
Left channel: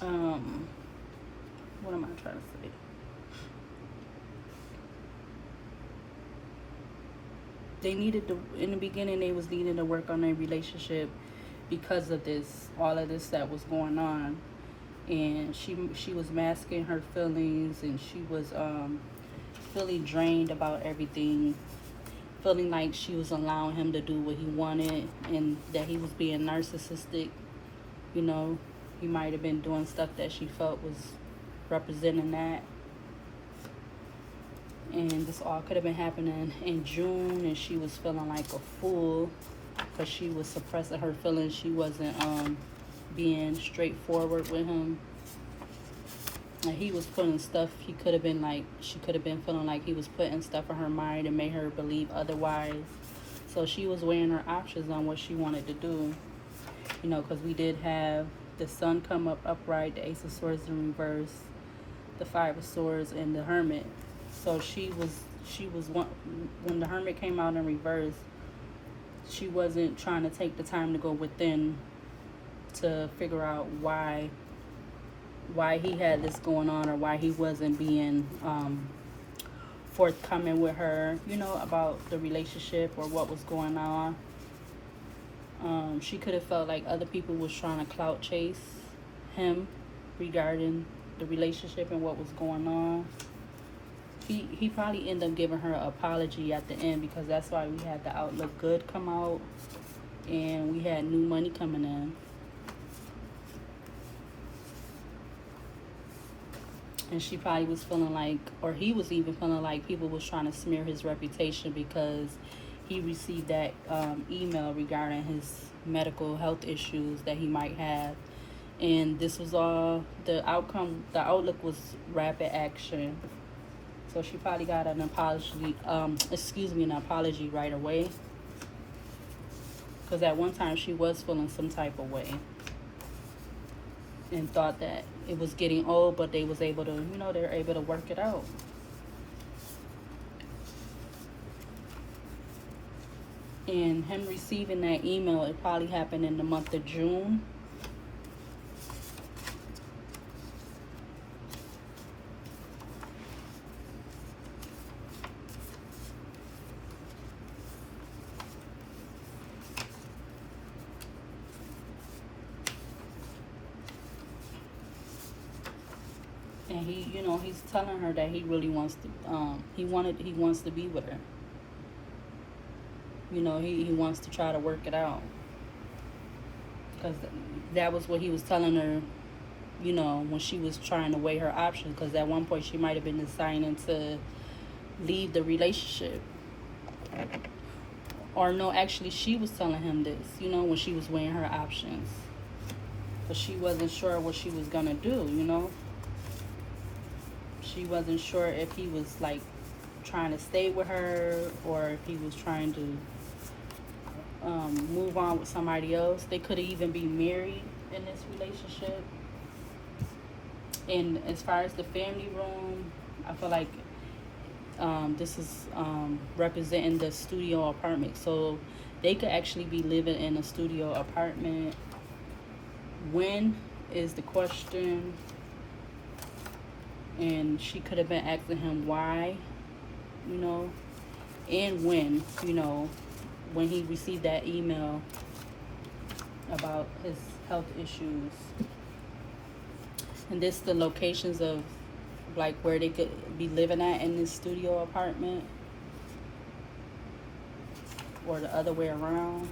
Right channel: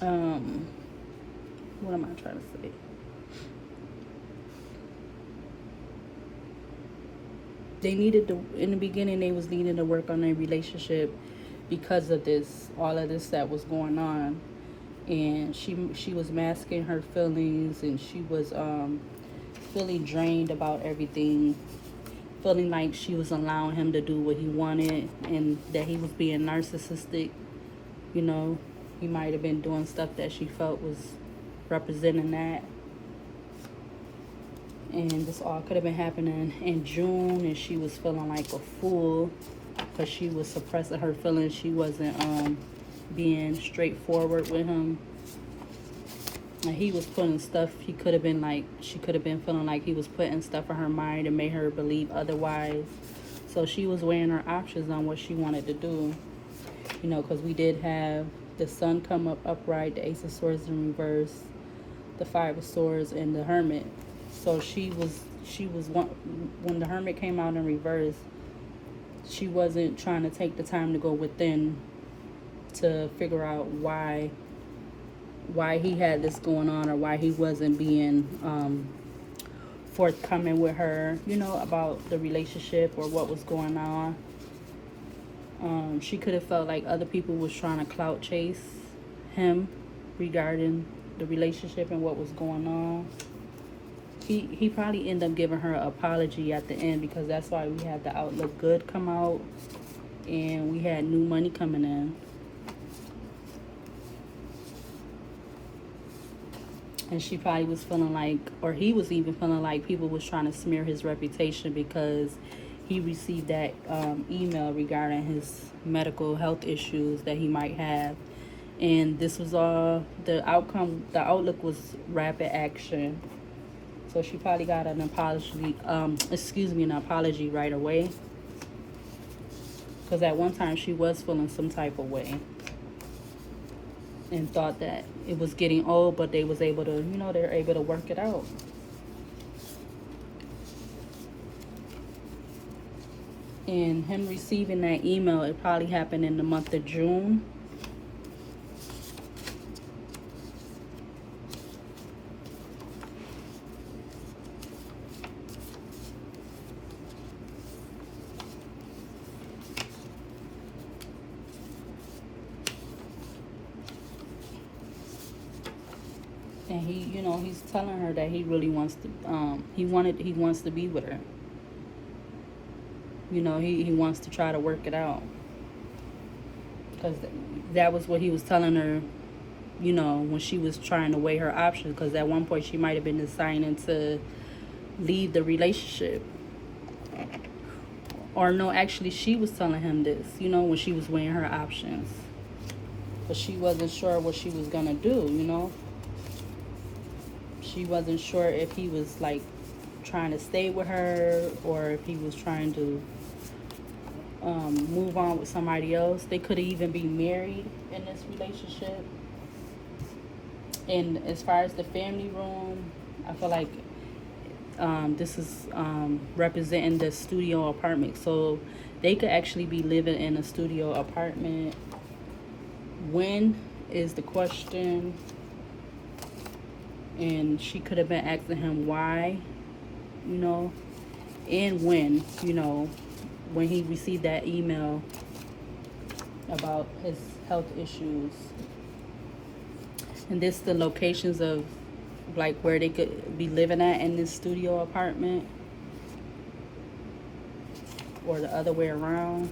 what am I trying to say? They needed to, in the beginning, they was needing to work on their relationship because of this, all of this that was going on. And she was masking her feelings, and she was feeling drained about everything, feeling like she was allowing him to do what he wanted, and that he was being narcissistic. You know, he might have been doing stuff that she felt was representing that. And this all could have been happening in June, and she was feeling like a fool because she was suppressing her feelings. She wasn't being straightforward with him. And he was putting stuff, she could have been feeling like he was putting stuff in her mind and made her believe otherwise. So she was weighing her options on what she wanted to do. You know, because we did have the Sun come up upright, the Ace of Swords in reverse, the Five of Swords, and the Hermit. So she was when the Hermit came out in reverse, she wasn't trying to take the time to go within to figure out why he had this going on, or why he wasn't being forthcoming with her, you know, about the relationship or what was going on. She could have felt like other people was trying to clout chase him regarding the relationship and what was going on. He probably ended up giving her an apology at the end, because that's why we had the Outlook Good come out and we had new money coming in. And she probably was feeling like, or he was even feeling like, people was trying to smear his reputation because he received that email regarding his medical health issues that he might have. And this was all, the outcome, the outlook was rapid action. So she probably got an apology, an apology right away. Because at one time she was feeling some type of way and thought that it was getting old, but they was able to, you know, they're able to work it out. And him receiving that email, it probably happened in the month of June. And he, you know, he's telling her that he really wants to, he wants to be with her. You know, he wants to try to work it out. Because that was what he was telling her, you know, when she was trying to weigh her options. Because at one point she might have been deciding to leave the relationship. Or no, actually she was telling him this, you know, when she was weighing her options. But she wasn't sure what she was going to do, you know. She wasn't sure if he was like trying to stay with her, or if he was trying to move on with somebody else. They could even be married in this relationship. And as far as the family room, I feel like this is representing the studio apartment. So they could actually be living in a studio apartment. When is the question? And she could have been asking him why, you know, and when, you know, when he received that email about his health issues. And this the locations of like where they could be living at in this studio apartment, or the other way around.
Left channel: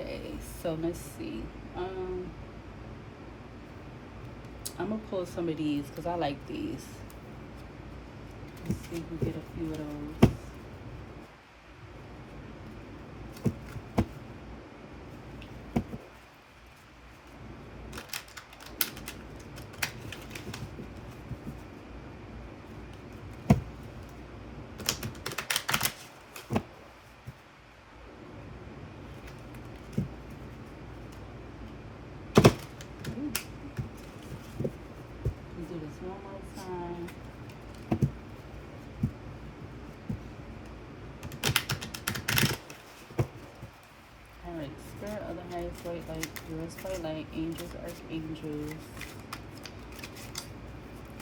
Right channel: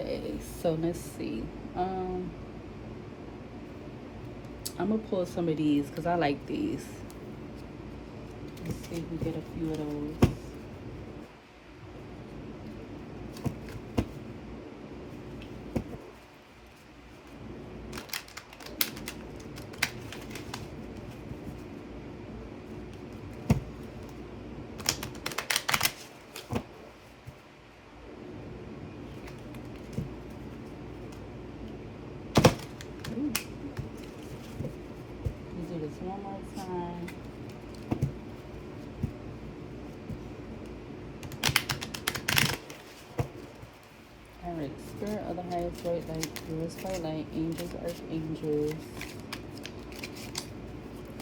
Okay, so let's see. I'm gonna pull some of these because I like these. Let's see if we get a few of those. Do this one more time. Alright, spirit of the highest white light, purest white light, angels, archangels.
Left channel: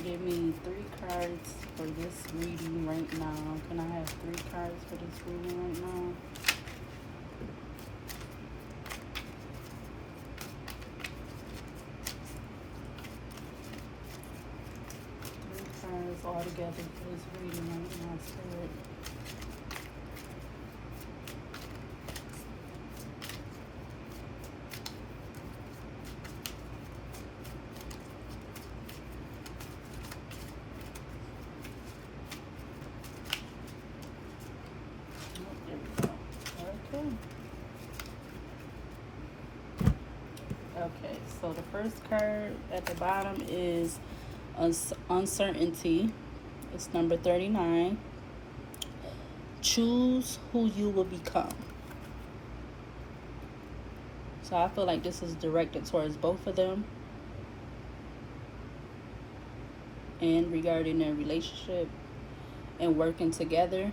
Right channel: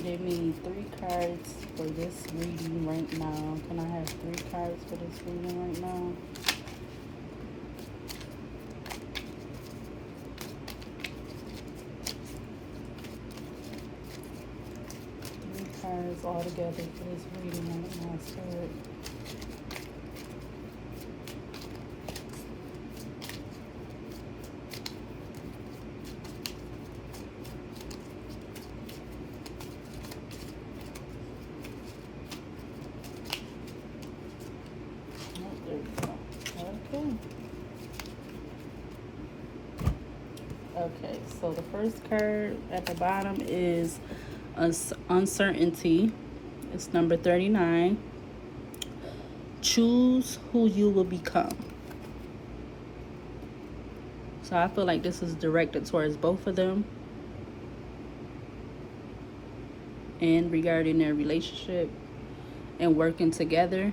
Give me 3 cards for this reading right now. Can I have 3 cards for this reading right now? All together for this reading in my spirit. Oh, there we go. Okay, so the first card at the bottom is uncertainty. It's number 39. Choose who you will become. So I feel like this is directed towards both of them and regarding their relationship and working together.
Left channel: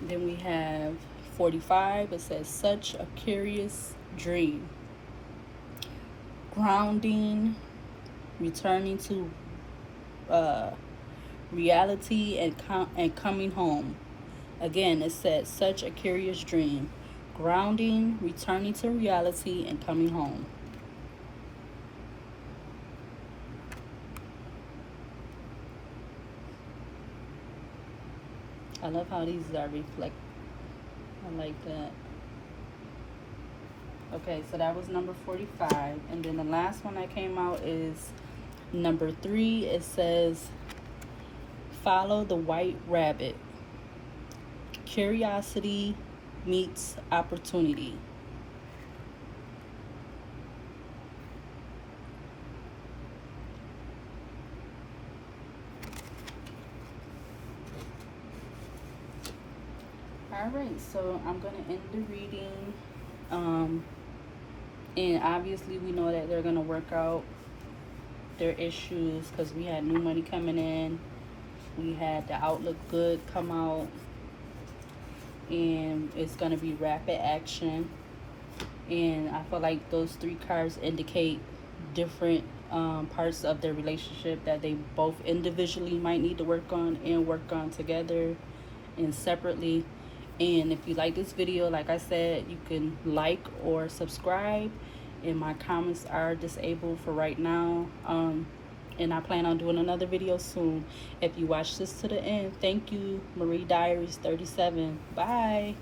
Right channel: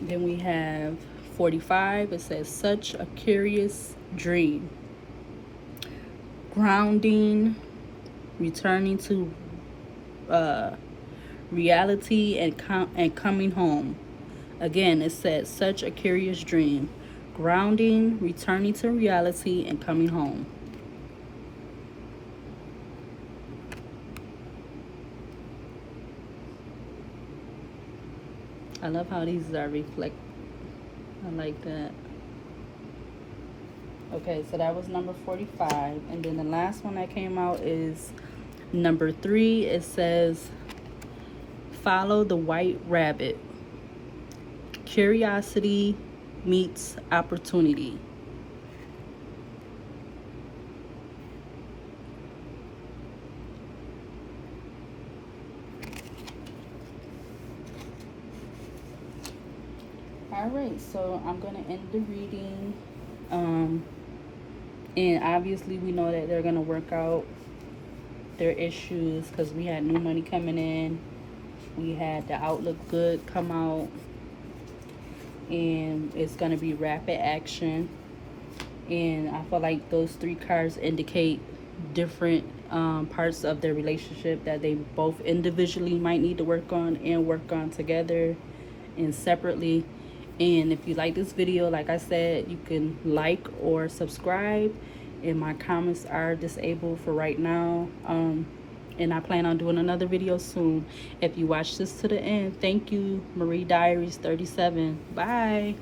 Then we have 45. It says such a curious dream. Grounding, returning to reality, and coming home. Again, it says such a curious dream. Grounding, returning to reality, and coming home. I love how these are reflect. I like that. Okay, so that was number 45. And then the last one that came out is number 3. It says follow the white rabbit. Curiosity meets opportunity. Alright, so I'm going to end the reading. And obviously we know that they're going to work out their issues because we had new money coming in. We had the outlook good come out. And it's going to be rapid action. And I feel like those 3 cards indicate different parts of their relationship that they both individually might need to work on and work on together and separately. And if you like this video, like I said, you can like or subscribe. And my comments are disabled for right now. And I plan on doing another video soon. If you watch this to the end, thank you. Marie Diaries 37. Bye.